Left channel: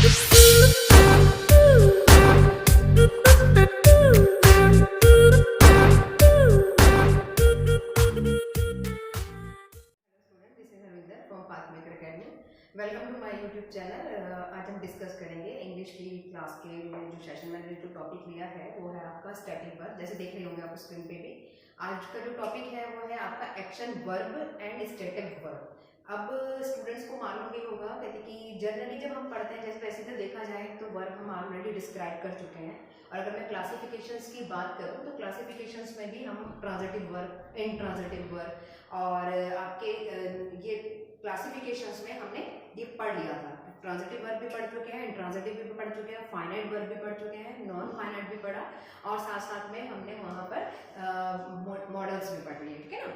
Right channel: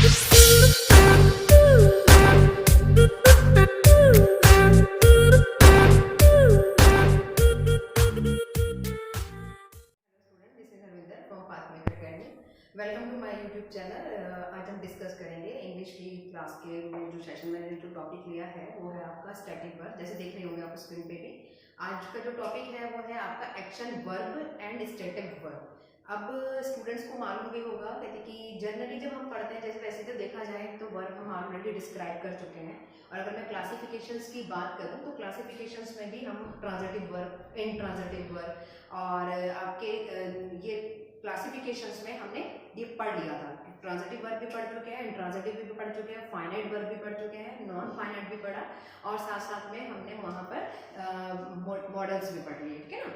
Welcome to my YouTube channel. आज हम discuss करेंगे इंग्लिश की क्लास के में जो सेशन मैंने जो टॉपिक लिया है वो है आपका स्टैटिक वर्ब। जैसे देख रहे होंगे आप स्क्रीन पे भी, आज का जो टॉपिक है वो है आपका action verb and static verb. अब स्टूडेंट्स को मालूम ही होगा कहते कि जनरली जब हम पढ़ते हैं, जैसे वैसे तो देखा जाए तो वर्ब हम ऑलरेडी डिस्क्राइब कर चुके हैं। और अगर मैं क्लासिफिकेशंस की बात करूं तो क्लासिफिकेशंस में भी हम ट्रांजिटिव वर्ब, इनट्रांजिटिव वर्ब और आपके ये क्लासिफिकेशंस में हमने ये पढ़ लिया था। ट्रांजिटिव वर्ब भी पढ़ चुके हैं, इंट्रांजिटिव भी पढ़ चुके हैं, फाइनाइट वर्ब भी पढ़ चुके हैं, नॉन फाइनाइट भी पढ़ा और साथ साथ में हमने वहां पर मॉडल्स भी पढ़ लिए। ठीक है ना,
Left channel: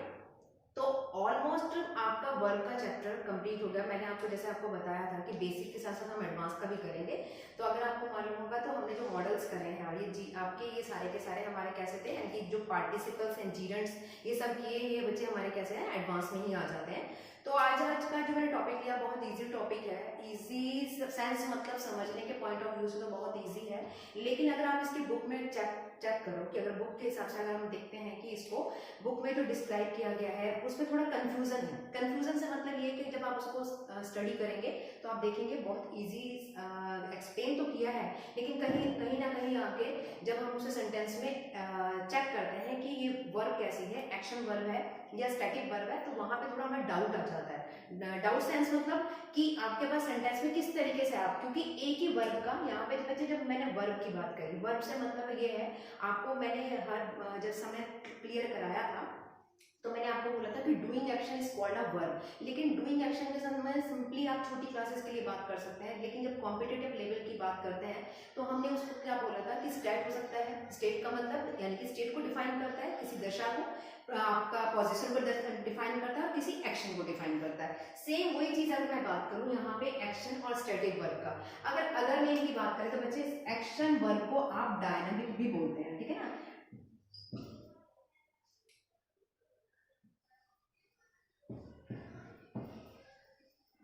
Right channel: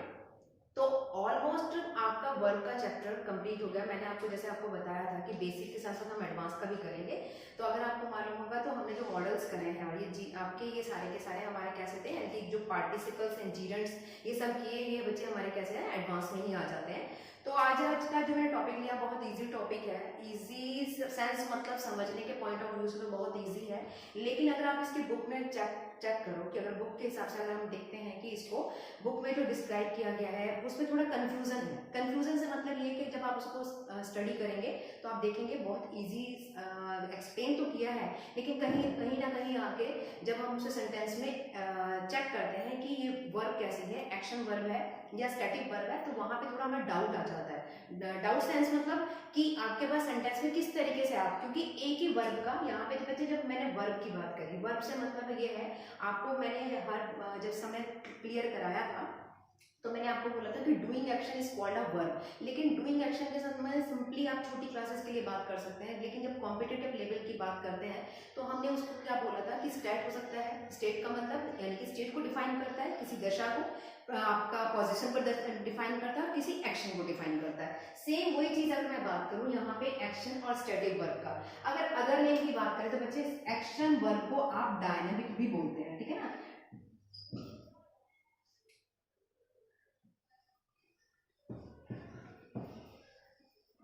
तो ऑलमोस्ट आपका वर्ब का चैप्टर कंप्लीट हो गया। मैंने आपको जैसे आपको बताया था कि बेसिक के साथ साथ हम एडवांस का भी करेंगे। तो अगर आपको मालूम होगा तो हमने जो मॉडल्स करे हैं और ये आपके ये सारे के सारे हमारे कैसे थे कि जो पार्टिसिपल्स एंड जीरेंट्स ये सब किए, ये बच्चे हमारे कैसे हैं एडवांस में ही आ जाते हैं। तो आज का जो मैंने टॉपिक लिया बहुत इजी टॉपिक है। इजी सेंस मतलब समझने के पॉइंट ऑफ व्यू से तो बहुत इजी है, लेकिन अगर आप इसकी बुक में चेक करो कि अगर बुक के हिसाब से अगर हम देखते हैं कि इसको बुक में जो डिस्क्राइब किया गया है उसमें थोड़ा कंफ्यूजन है। कंफ्यूजन से मतलब ये कि जब आप उसको स्टडी करेंगे तो आप देखेंगे बहुत इजी एक्सप्लेन तो किया है, लेकिन कहीं ना कहीं आके जब हम उसे सेंटेंस में चेक करते हैं कि ये वर्ब कैसी है, एक्शन वर्ब है या स्टैटिक वर्ब है, तो वहां पे थोड़ा हमें डाउट आ जाता है। डाउट सेंस मतलब कि आपके पास सेंटेंस में किस तरीके से आप, क्योंकि एक ही वर्ब का यहाँ पे बच्चे, जब मैंने वर्ब की बात करी, वर्ब से मतलब ये है, आपको मैंने हर जब समय क्लियर कराया था तो मैंने आपको बोला था कि doing action is called a verb, लेकिन डूइंग एक्शन के साथ में सिंपली आप छोटी क्लासेस के लिए बात कर सकते हैं, लेकिन जब कॉम्पिटिटिव लेवल की बात करते हैं तो हमने उसको क्या बोला था कि स्टेट हो सकता है। स्टेट का मतलब यानी कि स्टेट को डिफाइन करता है, किसी दशा को, आपका पोजीशन को डिफाइन करता है, किसी एक्शन को डिफाइन करता है। सेम वही चीज अगर मैं बात करूं यहाँ पे एक्शन और स्टैटिक वर्ब का, अगर नेम की बात करें तो बच्चे एक्शन वर्ब को आप डायनामिक भी बोलते हैं। ठीक है ना,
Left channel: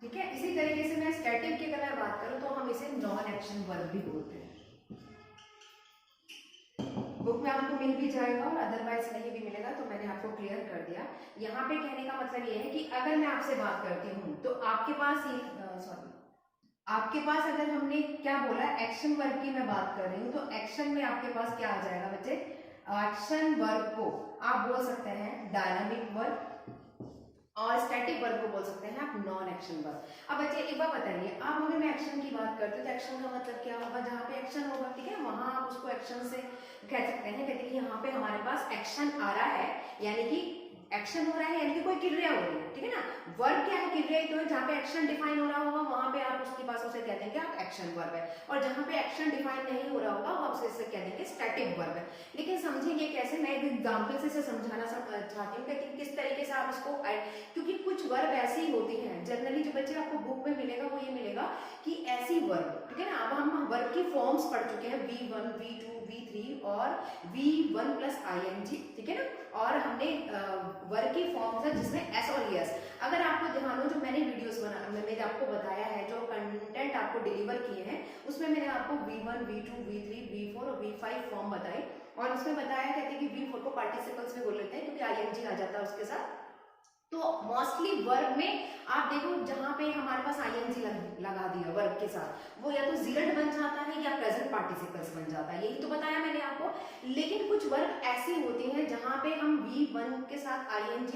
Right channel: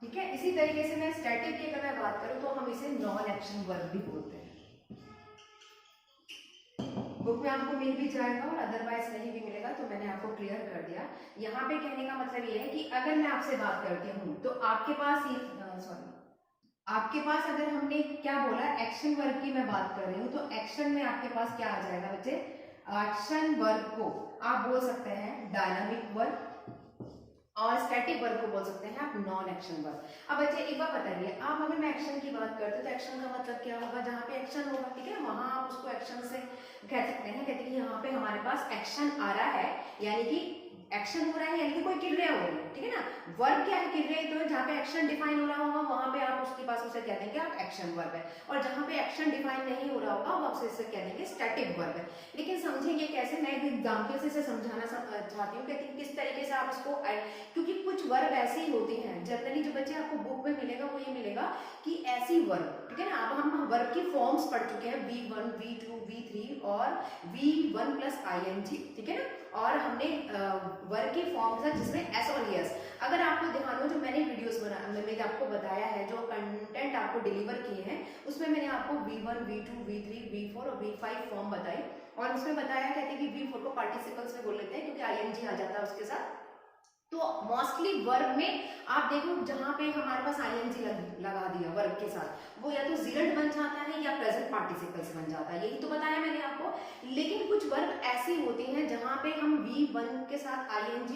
ठीक है। इसी तरीके से मैं स्टैटिक की अगर मैं बात करूं तो हम इसे नॉन एक्शन वर्ब भी बोलते हैं। बुक में आपको मिल भी जाएगा और अदरवाइज नहीं भी मिलेगा, तो मैंने आपको क्लियर कर दिया। यहाँ पे कहने का मतलब ये है कि अगर मैं आपसे बात करती हूँ तो आपके पास आपके पास अगर हमने क्या बोला एक्शन वर्ब की मैं बात कर रही हूँ, तो एक्शन में आपके पास क्या आ जाएगा बच्चे, एक्शन वर्ब को आप बोल सकते हैं डायनामिक वर्ब और स्टैटिक वर्ब को बोल सकते हैं आप नॉन एक्शन वर्ब। अब बच्चे एक बात बताइए, आप अगर मैं एक्शन की बात करते तो एक्शन का मतलब क्या होगा, जहाँ पे एक्शन होगा, ठीक है, वहां आप उसको एक्शन से कह सकते हैं, कहते हैं यहाँ पे हमारे पास एक्शन आ रहा है, यानी कि एक्शन हो रहा है, यानी कि कोई क्रिया हो रही है। ठीक है ना, वर्ब क्या है, क्रिया ही तो है। जहाँ पे एक्शन डिफाइन हो रहा होगा वहां पे आप उसके पास उसे कह देंगे आप एक्शन वर्ब है, और जहाँ पे एक्शन डिफाइन नहीं हो रहा होगा वो आपसे इसे कह देंगे स्टैटिक वर्ब है। लेकिन समझेंगे कैसे, मैं एक एग्जाम्पल से इसे समझाना चाहती हूँ कि किस तरीके से आप इसको, क्योंकि कुछ वर्ब ऐसी होती हैं जनरली जो बच्चे आपको बुक में मिलेगा वो ये मिलेगा कि ऐसी वर्ब, ठीक है ना। अब हम वर्ब की फॉर्म्स पढ़ चुके हैं, V1, V2, V3 और V1 प्लस ING, ठीक है ना, और हमने वर्ब की फॉर्म्स है जिसमें S और ES। अगर आपको ध्यान हो, जो मैंने वीडियोस मैंने आपको बताया है, जो कंटेंट आपको डिलीवर किए हैं, उसमें मैंने आपको V1, V2, V3, V4 और V5 फॉर्म बताए, और उसमें बताया कहते हैं कि V4 को पार्टिसिपल्स में बोल लेते हैं क्योंकि ING आ जाता है उसके साथ। तो मोस्टली वर्ब में आप देखो जहां पे हमारे पास ING लगा दिया वर्ब के साथ, वो या तो जीरेंट बन जाता है या प्रेजेंट पार्टिसिपल्स बन जाता है, यही तो बताया मैंने आपको। लेकिन कुछ वर्ब ऐसी होती हैं जहां पे हम V1 के साथ ING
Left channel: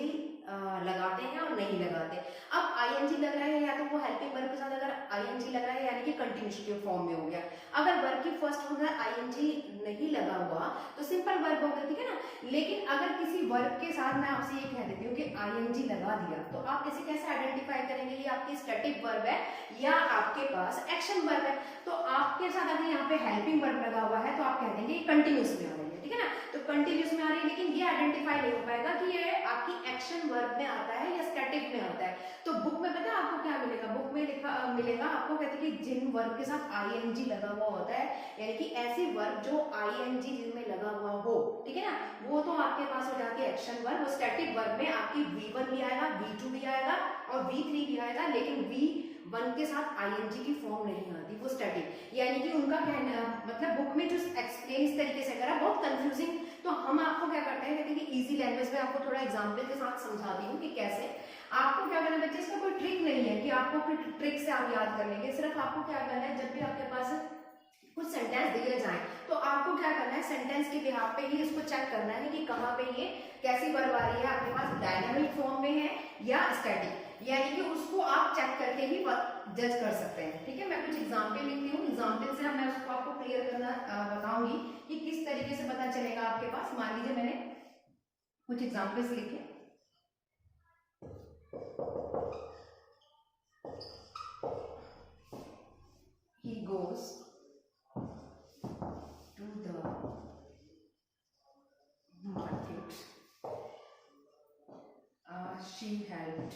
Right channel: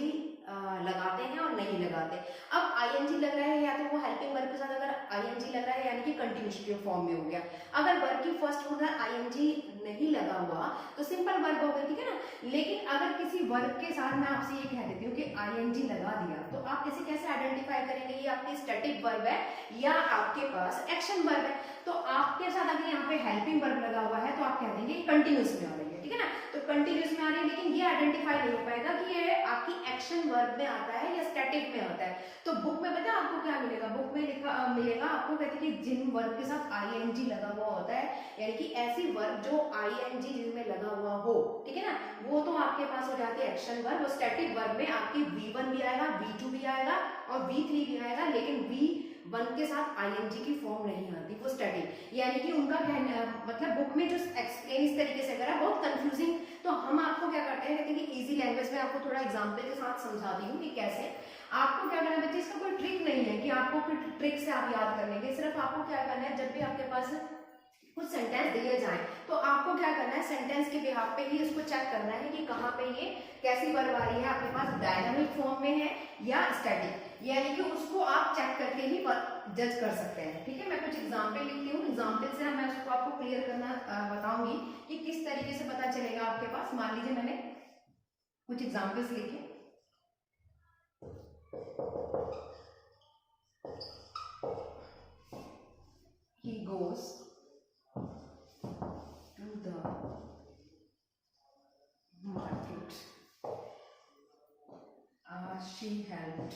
लगाते हैं और नहीं लगाते। अब ING लग रहा है या तो वो हेल्पिंग वर्ब के साथ अगर ING लग रहा है यानी कि कंटिन्यूस फॉर्म में हो गया। अगर वर्ब की फर्स्ट हो गया ING नहीं लगा हुआ तो सिंपल वर्ब हो गया, ठीक है ना। लेकिन अगर किसी वर्ब के साथ मैं आपसे ये कह देती हूँ कि ING लगा दिया, तो आप इसे कैसे आइडेंटिफाई करेंगे ये आपकी स्टैटिक वर्ब है या आपके पास एक्शन वर्ब है। तो आपके साथ अगर यहाँ पे हेल्पिंग वर्ब लगा हुआ है तो आप कह देंगे कंटिन्यूस में आ रही है, ठीक है ना। तो कंटिन्यूस में आ रही है, लेकिन ये आइडेंटिफाई नहीं हो पाएगा कि ये आपकी एक्शन वर्ब में आता है या स्टैटिक में आता है। तो बुक में पता है आपको क्या मिलेगा, बुक में लिखा मिलेगा आपको, कहते हैं कि जिन वर्ब के साथ ING लगा हुआ होता है, यानी कि ऐसी वर्ब जो ING जिनमें लगा हुआ हो, ठीक है ना, वो तो आपके पास हो जाती है एक्शन वर्ब। स्टैटिक वर्ब में आपकी V1 भी आएगा, V2 भी आएगा और V3 भी आएगा, लेकिन वन के साथ आईएनजी की फॉर्म नहीं आती, वो स्टैटिक, यानी कि उनका कहना मतलब बुक में जो एक्सप्लेन इस तरीके से करा बहुत कंफ्यूजिंग। तो हम आपको क्या करते हैं, कहते हैं कि इजी लैंग्वेज में आपको थोड़ा एग्जाम्पल के साथ समझाती हूँ कि कैसे आपको क्या करना है बच्चे। इसका कोई ट्रिक नहीं है कि आपको कोई ट्रिक से आप याद कर लेंगे, सिर्फ आपको क्या करना है, जब भी आपके पास कुछ सेंटेंस दिए जाए तो आपको क्या करना है, सेंटेंस के बिहाफ पे ही उसको चेक करना है कि कहाँ पे ये कैसी वर्ब आ रही है, आपके पास डायनामिक फॉर्म में है या स्टैटिक, यानी कि उसको आप चेक करके ही जज कर सकते हैं। ठीक है, मैं कुछ एग्जाम्पल लिखती हूँ, एग्जाम्पल से मैं उसको आपको क्लियर करना बताऊंगी कि किस तरीके से पता चलेगा आपके पास। मान लीजिए मैंने कुछ एग्जाम्पल्स लिखे, he goes to the market, she helped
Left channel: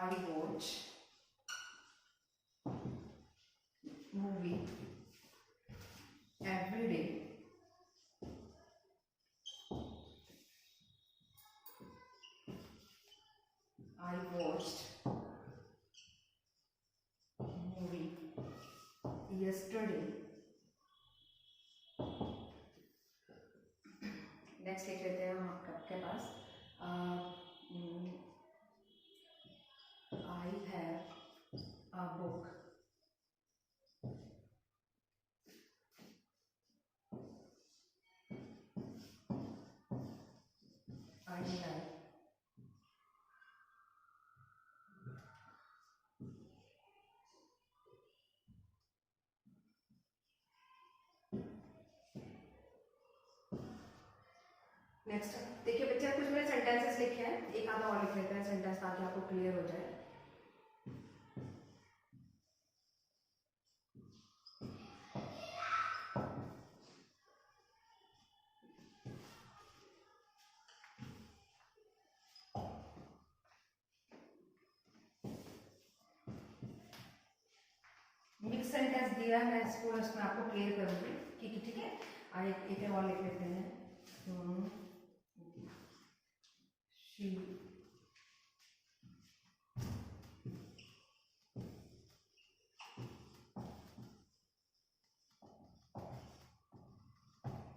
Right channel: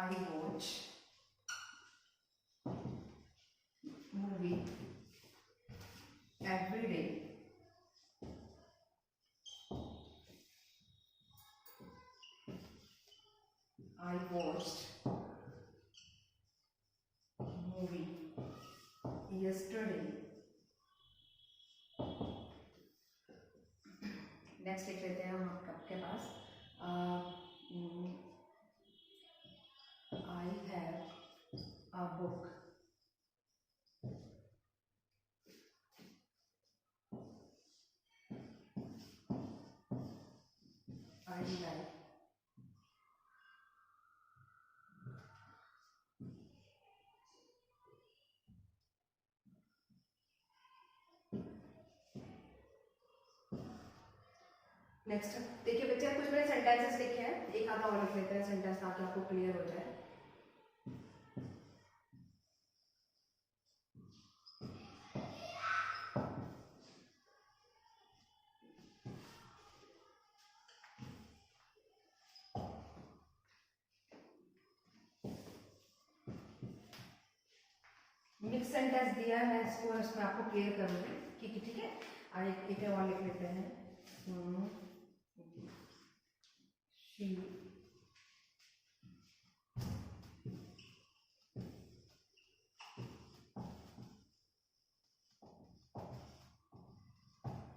I watch movie every day, I watched movie yesterday। Next लिख लेते हैं हम आपके पास, I have a book I like। Next देखिए बच्चे, कुछ मैंने सेंटेंसेस लिखे हैं, एक आधा और लिख लेते हैं सेंटेंस ताकि आपको क्लियर हो जाए। मिक्स सेंटेंस दिया है, इसको इसमें आपको क्लियर करूंगी कि ठीक है। एक और लिख लेते हैं, she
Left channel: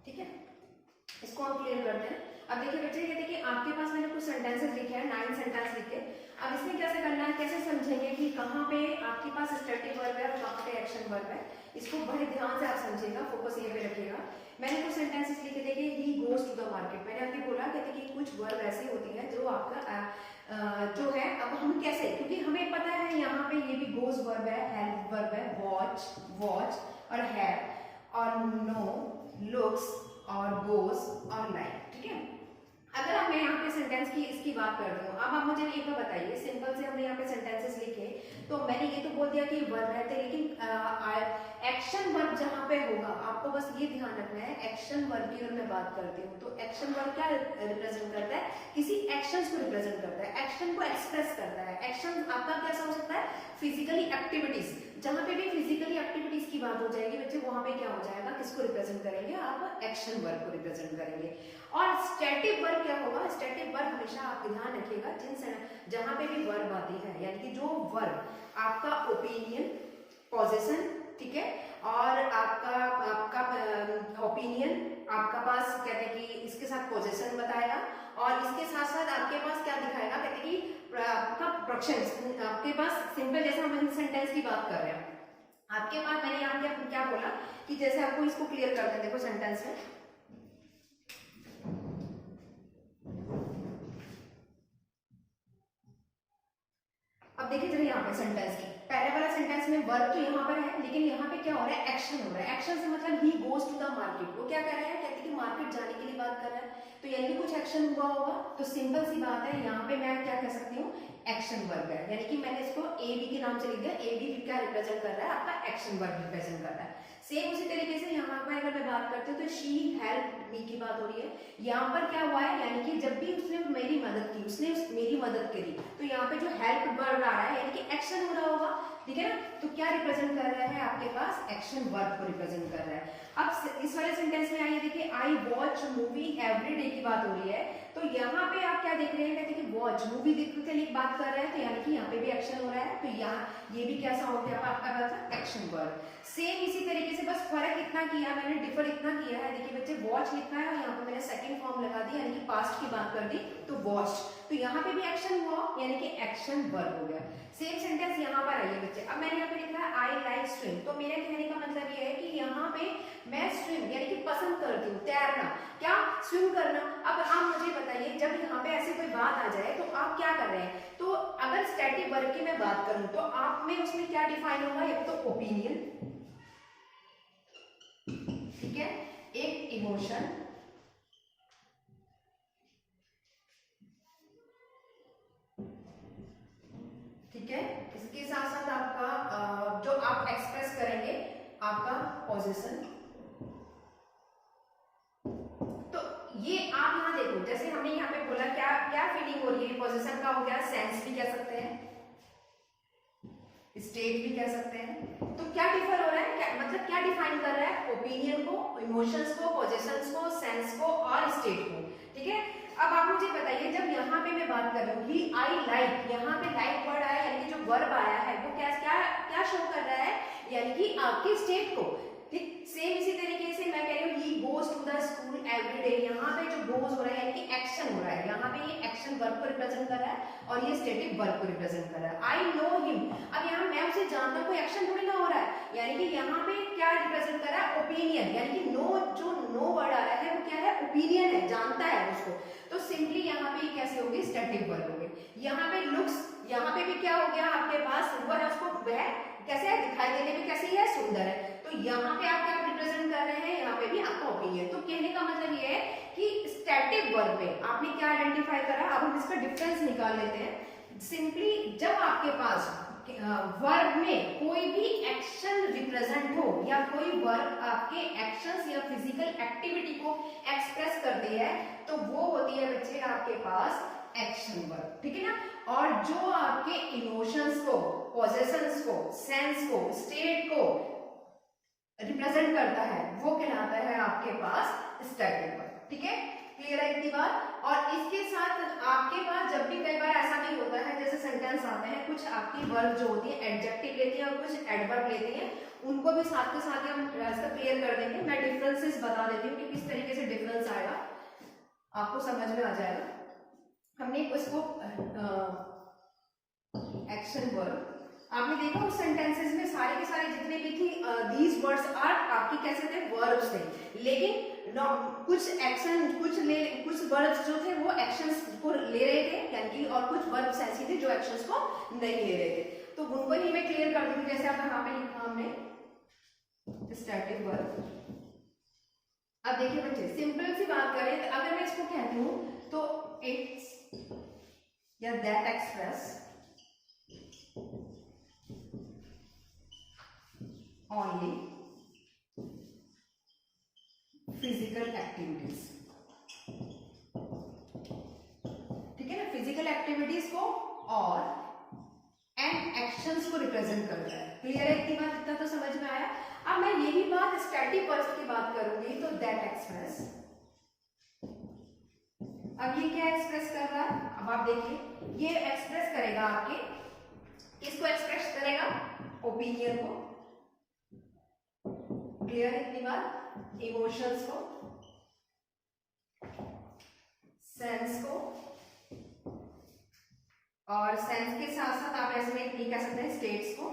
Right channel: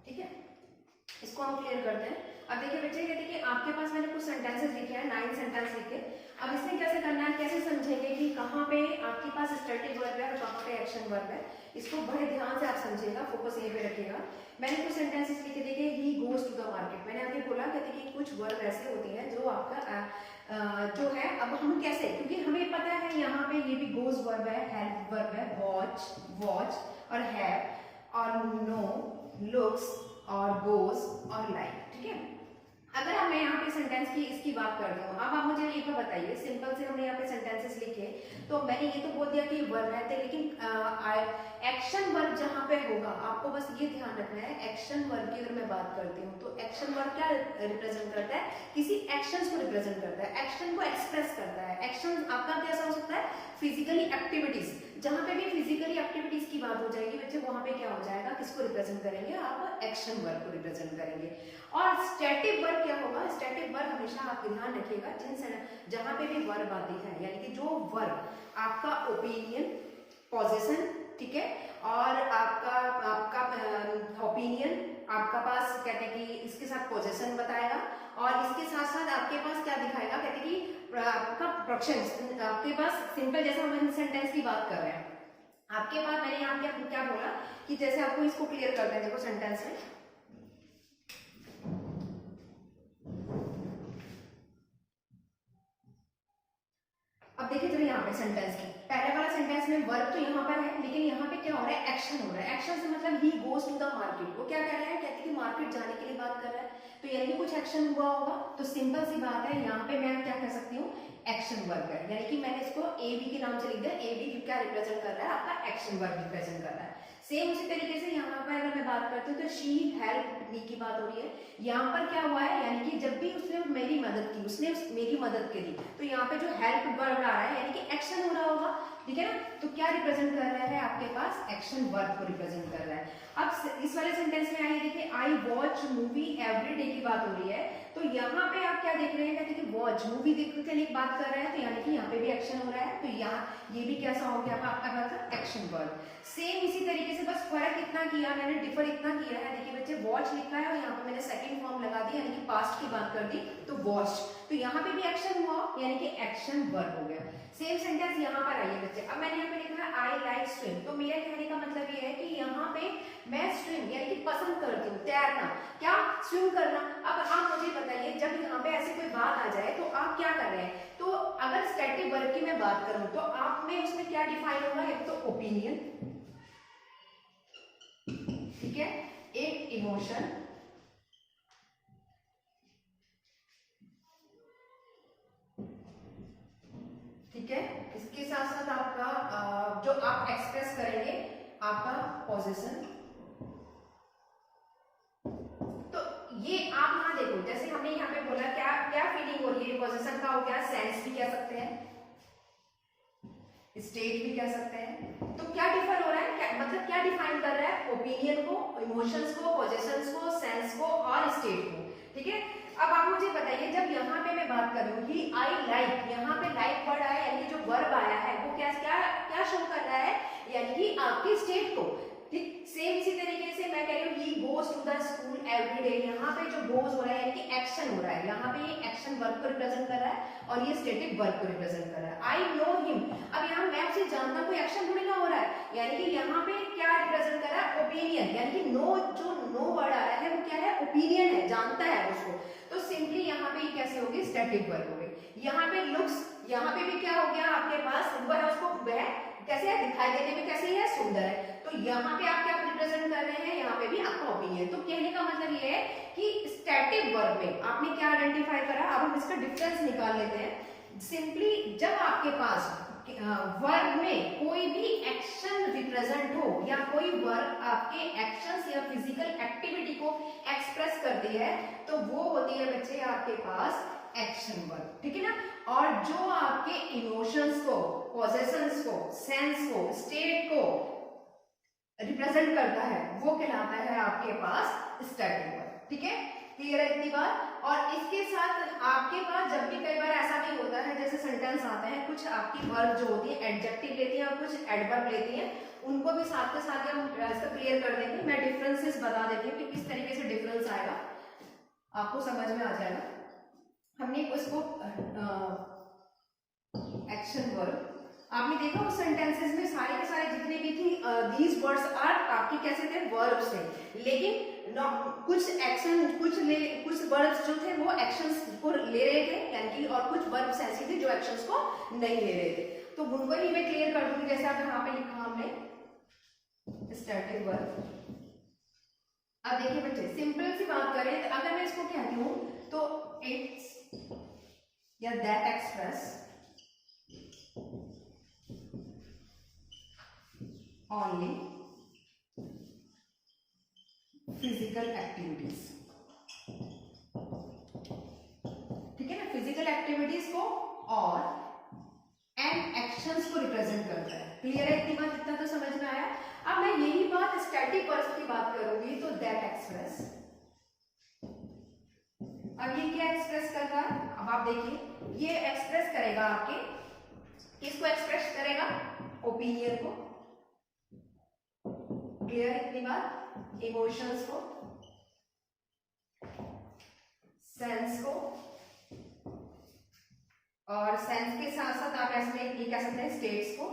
ठीक है, इसको हम क्लियर करते हैं। अब देखिए बच्चे, कहते हैं कि आपके पास मैंने कुछ सेंटेंसेस लिखे हैं, 9 सेंटेंस लिखे। अब इसमें कैसे करना है, कैसे समझेंगे कि कहाँ पे आपके पास स्टैटिक वर्ब है और कहाँ पे एक्शन वर्ब है, इसको बड़े ध्यान से आप समझिएगा, फोकस यहीं पे रखिएगा। मैंने कुछ सेंटेंसेस लिखे, देखिए he goes to the market, मैंने अभी बोला कहते कि कुछ वर्ब ऐसे होती है जो आपका जो है, अब हम कैसे, क्योंकि हमें पता है यहाँ पे ये भी गोज वर्ब है, हेल्प वर्ब है, वॉच और हैव और नो, लुक्स और गोज और लाइक। ठीक है, अगर अब मैं यहाँ पे सेंटेंस की इसकी बात करती हूँ, अब आप मुझे एक बार बताइए, सिंपल से हमने यहाँ पे सेंटेंसेस लिखे, तो मैंने ये तो बोल दिया कि वर्ब रहते हैं, लेकिन एक्शन वर्ब जहाँ पे होगा आपको बस ये ध्यान रखना है, एक्शन वर्ब की अगर मैं बात करती हूँ तो एक्शन वर्ब क्या रिप्रेजेंट करता है, किसी एक्शंस को रिप्रेजेंट करता है, एक्शन को एक्सप्रेस करता है। एक्शन आपका कैसा हो सकता है, फिजिकली एक्टिविटीज, जहां पे भी फिजिकली एक्टिविटीज की बात हो जाएगी बच्चे, वहां पे क्या हो जाएगा, किसको रिप्रेजेंट करेंगे, आप एक्शन वर्ब को रिप्रेजेंट करेंगे। और स्टैटिक वर्ब क्या होगा, स्टैटिक वर्ब हमेशा आप ध्यान रखिएगा, जहां पे भी वर्ब आती है, यानी कि जो वर्ब आपका ओपिनियन, पोजेशन, ठीक है, और आपका ओपिनियन आपका पास कहते हैं कि इसके साथ पोजेशन बताएगा, और इसके साथ साथ आपके पास क्या दिखाएगा, कहते हैं कि आपका प्रोडक्शन, आपके पास सिंपल, जैसे हम सेंटेंस की बात कर रहे हैं, आपके पास मैंने यहाँ क्या बोला कि जैसे आपको इसको क्लियर करते हैं, देखो सेंटेंस में, अब देखिए चलिए यहाँ पे सेंटेंस की पहले वाला सेंटेंस में वर्ब तो यहाँ पर है, लेकिन यहाँ पे क्या हो रहा है, एक्शन हो रहा है। एक्शन से मतलब he goes to the market, वो क्या कर रहा है, कहते हैं कि मार्केट जाने के लिए बात कर रहा है, तो यानी कि कुछ एक्शन हुआ होगा, तो सिंपल सी बात है, यहाँ पे मैं क्या कह सकती हूँ, एक्शन वर्ब है, यानी कि मैंने इसको ए बी के नाम से लिख दिया, ए बी क्या रिप्रेजेंट कर रहा है, आपका एक्शन वर्ब रिप्रेजेंट कर रहा है। सेम उसी तरीके से यहाँ पर अगर मैं बात करती हूँ तो शी हेल्प मी की बात हो रही है, यहाँ पर क्या हुआ है, यानी कि जब भी उसने मेरी मदद की, उसने मेरी मदद करी, तो यहाँ पे जो हेल्प वर्ब आ रहा है, यानी कि एक्शन हो रहा होगा, ठीक है ना, तो क्या रिप्रेजेंट कर रहा है, आपके पास एक्शन वर्ब को रिप्रेजेंट कर रहा है। अब इस वाले सेंटेंस में आइए, देखिए I watch movie every day की बात हो रही है, तो यहाँ पे आप क्या देख रहे हैं, देखिए वॉच मूवी देखने के लिए बात कर रहे हैं, तो यानी कि यहाँ पे भी एक्शन हो रहा है, तो यहाँ ये भी कैसा हो गया आपका एक्शन वर्ब। सेम इसी तरीके से, बस फर्क इतना किया मैंने, डिफर इतना किया है, देखिए बच्चे वॉच लिखा है और यहाँ पे मैंने सेकंड फॉर्म लगा दी, यानी कि पास्ट की बात कर दी, तो वॉच, तो यहाँ पे भी एक्शन हुआ, यानी कि एक्शन वर्ब हो गया। सेम सेंटेंस यहाँ पर आइए बच्चे, अब मैंने यहाँ पे लिखा है आई लाइक स्विम, तो मेरे कहने का मतलब ये है कि यहाँ पे मैं स्विम यानी कि पसंद करती हूँ, तैरना, क्या स्विम करना। अब आप मुझे बताइए, जब यहाँ पे ऐसी कोई बात आ जाए तो आप क्या कर रहे हैं, तो अगर स्टैटिक वर्ब की मैं बात करूं तो आप में उसमें क्या डिफाइन होगा, एक तो ओपिनियन, ठीक है, एक इमोशन, ठीक है, इसके साथ साथ आपका जो आप एक्सप्रेस करेंगे आपका पोजीशन। तो ये आप यहाँ देखो, जैसे हमने यहाँ पे बोला क्या क्या फीलिंग हो रही है, पोजीशन का हो गया, सेंस भी कह सकते हैं, स्टेट भी कह सकते हैं। तो क्या डिफर हो रहा है, क्या मतलब क्या डिफाइन कर रहा है, ओपिनियन को, इमोशंस को, पोजीशंस को, सेंस को और स्टेट को, ठीक है। अब आप मुझे बताइए, जब यहाँ पे मैं बात कर रही हूँ कि आई लाइक, यहाँ पे लाइक वर्ड आया, यानी कि जो वर्ब आया है वो क्या क्या क्या शो कर रहा है, यानी कि आपकी स्टेट को, ठीक। सेम इसी तरीके से मैं कह रही हूँ he goes to the school every day, यहाँ पे जो गोज हो रहा है यानी कि एक्शन हो रहा है, यहाँ पे ये एक्शन वर्ब को रिप्रेजेंट कर रहा है और ये स्टैटिक वर्ब को रिप्रेजेंट कर रहा है। आई नो हिम, अब यहाँ मैं उसे जानता, कोई एक्शन थोड़ी ना हो रहा है, यानी कि यहाँ पे क्या रिप्रेजेंट कर रहा है, ओपिनियन, यानी कि नो, जो नो वर्ड आ रहा है वो क्या है, ओपिनियन है, जानता है उसको, तो सिंपली यहाँ पे कैसे होगी, स्टैटिक वर्ब हो गई। यहाँ पे लुक्स, यहाँ पे भी क्या हो गया आपके पास, वो है उसको, वह कैसे है, दिखाई देने में कैसे है, सुंदर है, तो यहाँ पे आप क्या रिप्रेजेंट कर रहे हैं, यहाँ पे भी आपका ओपिनियन। तो कहने का मतलब ये है कि स्टैटिक वर्ब में आपने क्या आइडेंटिफाई करा, अब हम इसका डिफरेंस निकाल लेते हैं। सिंपली जब आपके पास वर्ब में कोई भी एक्शन रिप्रेजेंट हो या कोई वर्ब आपके एक्शंस या फिजिकल एक्टिविटी को एक्सप्रेस करती है, तो वो होती है बच्चे आपके पास एक्शन वर्ब, ठीक है ना। और जो आपके इमोशंस को, पोजेशंस को, सेंस को, स्टेट को रिप्रेजेंट करता है वो कहलाता है आपके पास स्टैटिक वर्ब, ठीक है। क्लियर है इतनी बात। और इसके साथ आपके पास जब भी कई बार ऐसा भी होता है, जैसे सेंटेंस आते हैं, कुछ आपकी वर्ब जो होती है एडजेक्टिव लेती है और कुछ एडवर्ब लेती है, उनको भी साथ के साथ हम इसका क्लियर कर देंगे। मैं डिफरेंसेस बता देती हूँ कि किस तरीके से डिफरेंस आएगा, आपको समझ में आ जाएगा। हमने इसको एक्शन वर्ब, आपने देखा उस सेंटेंसेस में सारे के सारे जितने भी थे दीज वर्ड्स आर आपके कैसे थे, वर्ब्स थे, लेकिन कुछ एक्शन, कुछ वर्ब्स जो थे वो एक्शंस को ले रहे थे, यानी कि और कुछ वर्ब्स ऐसे थे जो एक्शंस को नहीं ले रहे थे, तो उनको ही मैं क्लियर कर दूंगी। जैसे आप यहाँ पे लिखा हमने स्टैटिक वर्ब। अब देखिए बच्चे, सिंपल सी बात करें तो अगर मैं इसको कहती हूँ तो इट्स या that express only physical activities, ठीक है ना, फिजिकल एक्टिविटीज को और एंड एक्शंस को रिप्रेजेंट करता है। क्लियर है इतनी बात, इतना तो समझ में आया। अब मैं यही बात स्टैटिक वर्ब्स की बात करूंगी, तो दैट एक्सप्रेस, अब ये क्या एक्सप्रेस कर रहा है, अब आप देखिए ये एक्सप्रेस करेगा आपके, किसको एक्सप्रेस करेगा, ओपिनियन को, क्लियर इतनी बात, इमोशंस को, सेंस को, और सेंस के साथ साथ आप ऐसे में ये कह सकते हैं स्टेट्स को,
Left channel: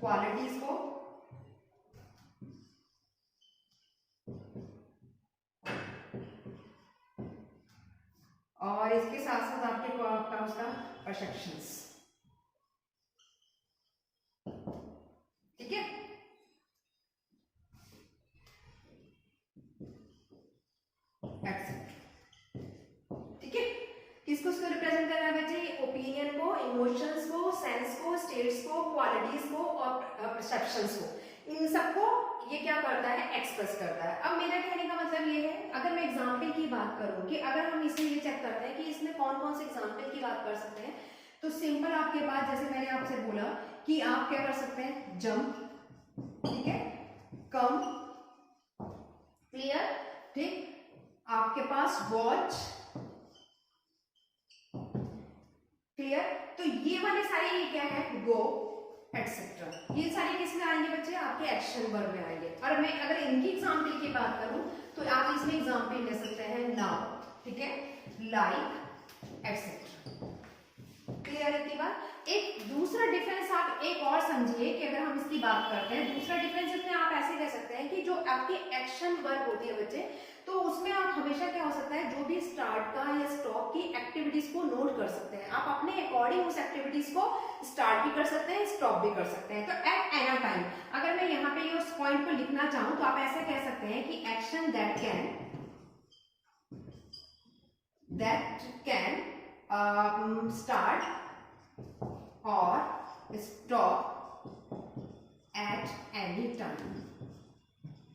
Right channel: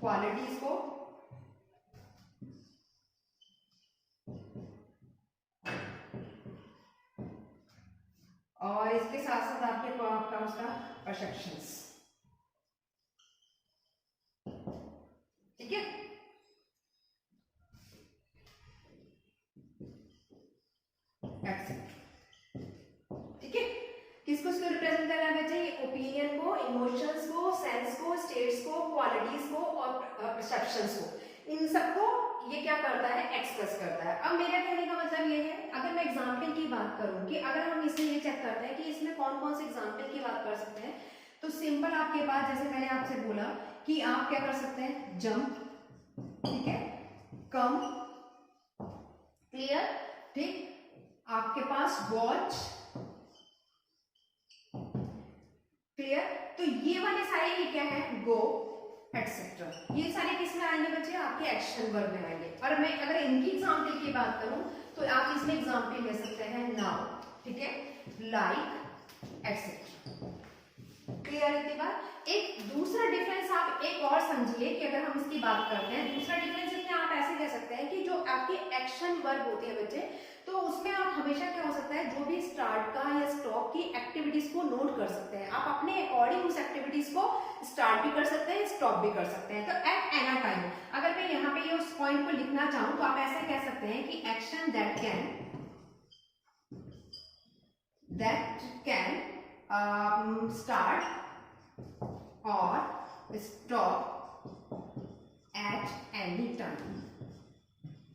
क्वालिटीज को, और इसके साथ साथ आपके आपका उसका परसेप्शंस, ठीक है। ठीक है, किसको रिप्रेजेंट कर रहा है बच्चे, ये ओपिनियन को, इमोशंस को, सेंस को, स्टेट्स को, क्वालिटीज को और परसेप्शंस को, इन सबको ये क्या करता है, एक्सप्रेस करता है। अब मेरा कहने का मतलब ये है, अगर मैं एग्जाम्पल की बात करूं कि अगर हम इसे ये चेक करते हैं कि इसमें कौन कौन से एग्जाम्पल की बात कर सकते हैं, तो सिंपल आपके पास, जैसे मैंने आपसे बोला कि आप क्या कर सकते हैं, जंप, ठीक है, कम, क्लियर, ठीक। आपके पास वॉच, क्लियर। तो ये वाले सारे ये क्या है, गो, एटसेट्रा, ये सारे किसमें आएंगे बच्चे, आपके एक्शन वर्ब में आएंगे। और मैं अगर इनकी एग्जाम्पल की बात करूं तो आप इसमें एग्जाम्पल ले सकते हैं नाउ, ठीक है, लाइक, एटसेट्रा, क्लियर है इतनी बात। एक दूसरा डिफरेंस आप एक और समझिए कि अगर हम इसकी बात करते हैं, दूसरा डिफरेंस इसमें आप ऐसे कह सकते हैं कि जो आपके एक्शन वर्ब होते हैं बच्चे, तो उसमें आप हमेशा क्या हो सकता है, जो भी स्टार्ट का या स्टॉप की एक्टिविटीज को नोट कर सकते हैं। आप अपने अकॉर्डिंग उस एक्टिविटीज को स्टार्ट भी कर सकते हैं, स्टॉप भी कर सकते हैं। तो एट एनी टाइम अगर मैं यहाँ पे ये उस पॉइंट को लिखना चाहूं तो आप ऐसा कह सकते हैं कि एक्शन दैट कैन स्टार्ट और स्टॉप एट एनी टाइम,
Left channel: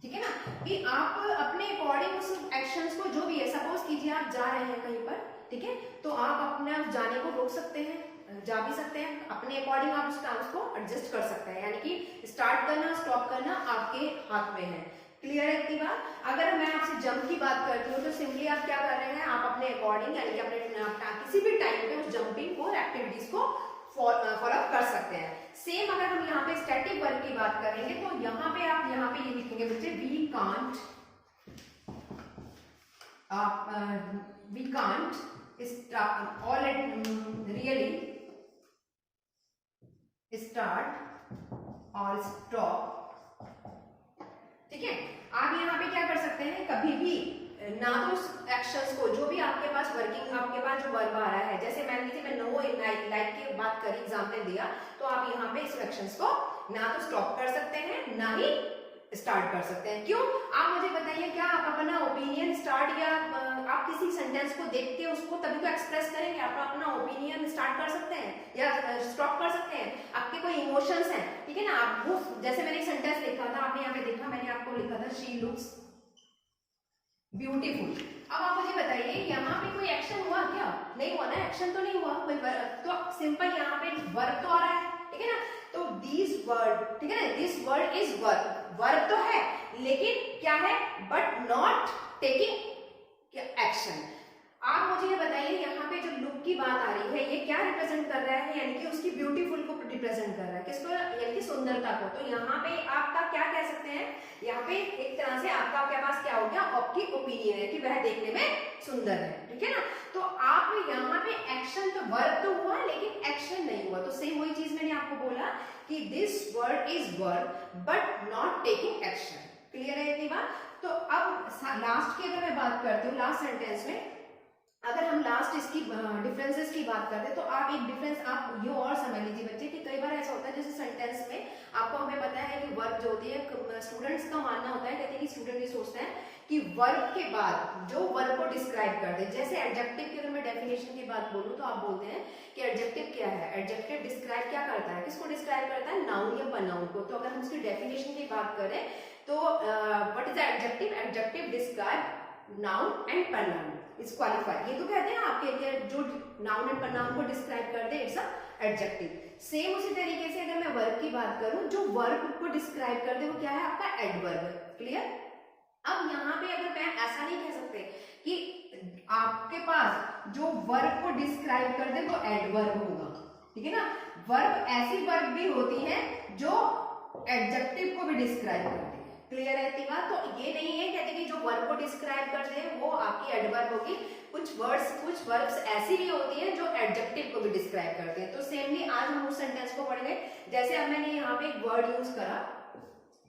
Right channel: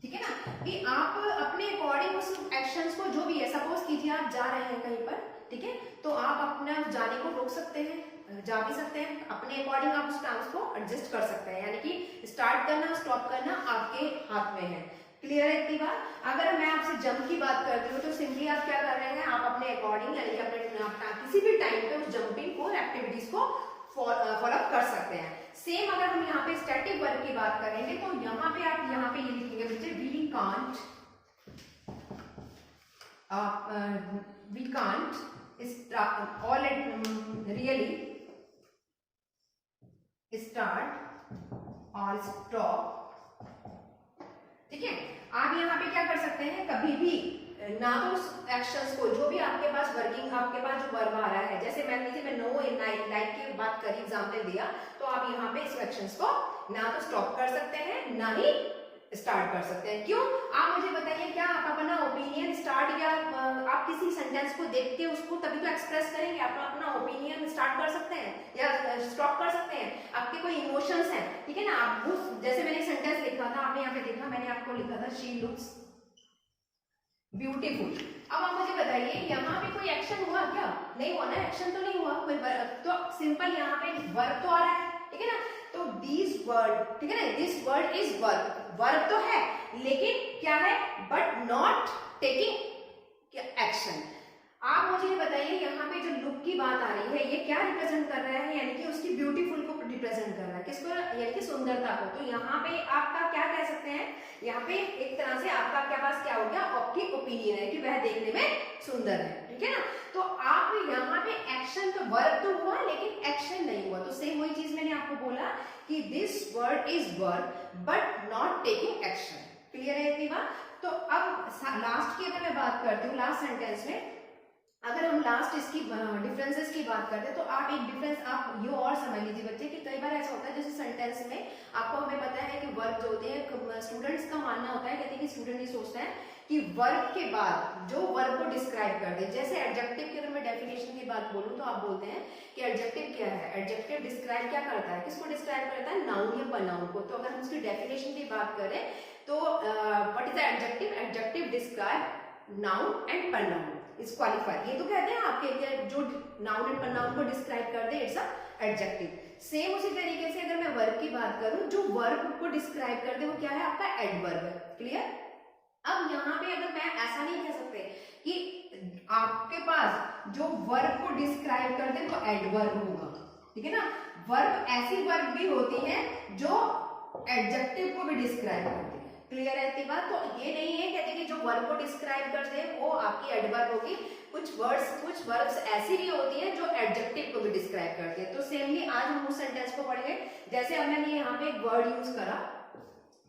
ठीक है ना, कि आप अपने अकॉर्डिंग उस एक्शंस को, जो भी है, सपोज कीजिए आप जा रहे हैं कहीं पर, ठीक है, तो आप अपने जाने को रोक सकते हैं, जा भी सकते हैं, अपने अकॉर्डिंग आप उस टाइम को एडजस्ट कर सकते हैं, यानी कि स्टार्ट करना स्टॉप करना आपके हाथ में है, क्लियर है इतनी बात। अगर मैं आपसे जंप की बात करती हूँ तो सिंपली आप क्या कर रहे हैं, आप अपने अकॉर्डिंग यानी कि अपने किसी भी टाइम पे उस जंपिंग को, एक्टिविटीज को फॉलो कर सकते हैं। सेम अगर हम यहाँ पे स्टैटिक वर्ब की बात करेंगे तो यहाँ पे आप यहाँ पे ये लिखेंगे बच्चे, वी कांट रियली स्टार्ट और स्टॉप, ठीक है। आप यहाँ पे क्या कर सकते हैं, कभी भी ना तो उस एक्शंस को, जो भी आपके पास वर्किंग, आपके पास जो वर्ब आ रहा है, जैसे मान लीजिए मैं नो लाइक की बात करी, एग्जांपल दिया, तो आप यहाँ पे इस एक्शंस को ना तो स्टॉप कर सकते हैं ना ही स्टार्ट कर सकते हैं। क्यों, आप मुझे बताइए, क्या आप अपना ओपिनियन स्टार्ट या आप किसी सेंटेंस को देख के उसको तभी तो एक्सप्रेस करेंगे, आप अपना ओपिनियन स्टार्ट कर सकते हैं या स्टॉप कर सकते हैं। आपके कोई इमोशंस हैं, ठीक है ना, आप वो, जैसे मैंने एक सेंटेंस लिखा था, आपने यहाँ पे देखा, मैंने आपको लिखा था शी लुक्स ब्यूटीफुल। अब आप मुझे बताइए, यहाँ पे कोई एक्शन हुआ क्या, नहीं हुआ ना, एक्शन तो नहीं हुआ कोई, तो सिंपल यहाँ पे वर्ब तो आ रहा है, ठीक है ना। तो दिस वर्ड, ठीक है ना, this word is verb, verb तो है लेकिन क्या है, बट नॉट टेकिंग एक्शन। आप मुझे ये बताइए, यहाँ पे जो लुक की बात आ रही है, ये क्या रिप्रेजेंट कर रहा है, यानी कि उसकी ब्यूटीफुल को रिप्रेजेंट कर रहा है, किसको, यानी कि सुंदरता को। तो यहाँ पे आपका क्या कह सकते हैं, यहाँ पे एक तरह से आपका आपके पास क्या हो गया, आपकी ओपिनियन है कि वह देखने में सुंदर है, ठीक है ना। तो आप यहाँ पे एक्शन, तो वर्ब तो हुआ लेकिन एक्शन नहीं हुआ, तो सेम वही चीज मैंने आपको बोला कि this word is verb but not taking action, clear है इतनी बात। तो अब लास्ट की अगर मैं बात करती हूँ, लास्ट सेंटेंस में अगर हम लास्ट इसकी डिफरेंसेस की बात करते हैं, तो आप एक डिफरेंस आप ये और समझ लीजिए बच्चे कि कई बार ऐसा होता है, जैसे सेंटेंस में आपको, हमें पता है कि वर्ब जो होते हैं, स्टूडेंट्स का मानना होता है, कहते हैं कि स्टूडेंट ये सोचता है कि वर्ब के बाद जो वर्ब को डिस्क्राइब कर दे, जैसे एडजेक्टिव की अगर मैं डेफिनेशन की बात बोलूं तो आप बोलते हैं कि एडजेक्टिव क्या है, एडजेक्टिव डिस्क्राइब क्या करता है, किसको डिस्क्राइब करता है, नाउन या प्रोनाउन को। तो अगर हम उसकी डेफिनेशन की बात करें तो what is the adjective, adjective describe noun and pronoun is qualified. ये तो कहते हैं आपके जो नाउन एंड प्रोनाउन को डिस्क्राइब करते हैं, इट्स अ एडजेक्टिव। सेम उसी तरीके से अगर मैं वर्ब की बात करूं, जो वर्ब को डिस्क्राइब करते हैं वो क्या है, आपका एडवर्ब है, क्लियर। अब यहाँ पे अगर मैं ऐसा नहीं कह सकते कि आपके पास जो वर्ब को डिस्क्राइब कर दे वो एडवर्ब होगा, ठीक है ना। वर्ब, ऐसी वर्ब भी होती है जो एडजेक्टिव को भी डिस्क्राइब करती है, क्लियर है इतनी बात। तो ये नहीं है कहते कि जो वर्ब को डिस्क्राइब करते हैं वो आपकी एडवर्ब होगी, कुछ वर्ब्स ऐसी भी होती हैं जो एडजेक्टिव को भी डिस्क्राइब करते हैं। तो सेमली आज हम उस सेंटेंस को पढ़ेंगे, जैसे अब मैंने यहाँ पे एक वर्ड यूज करा,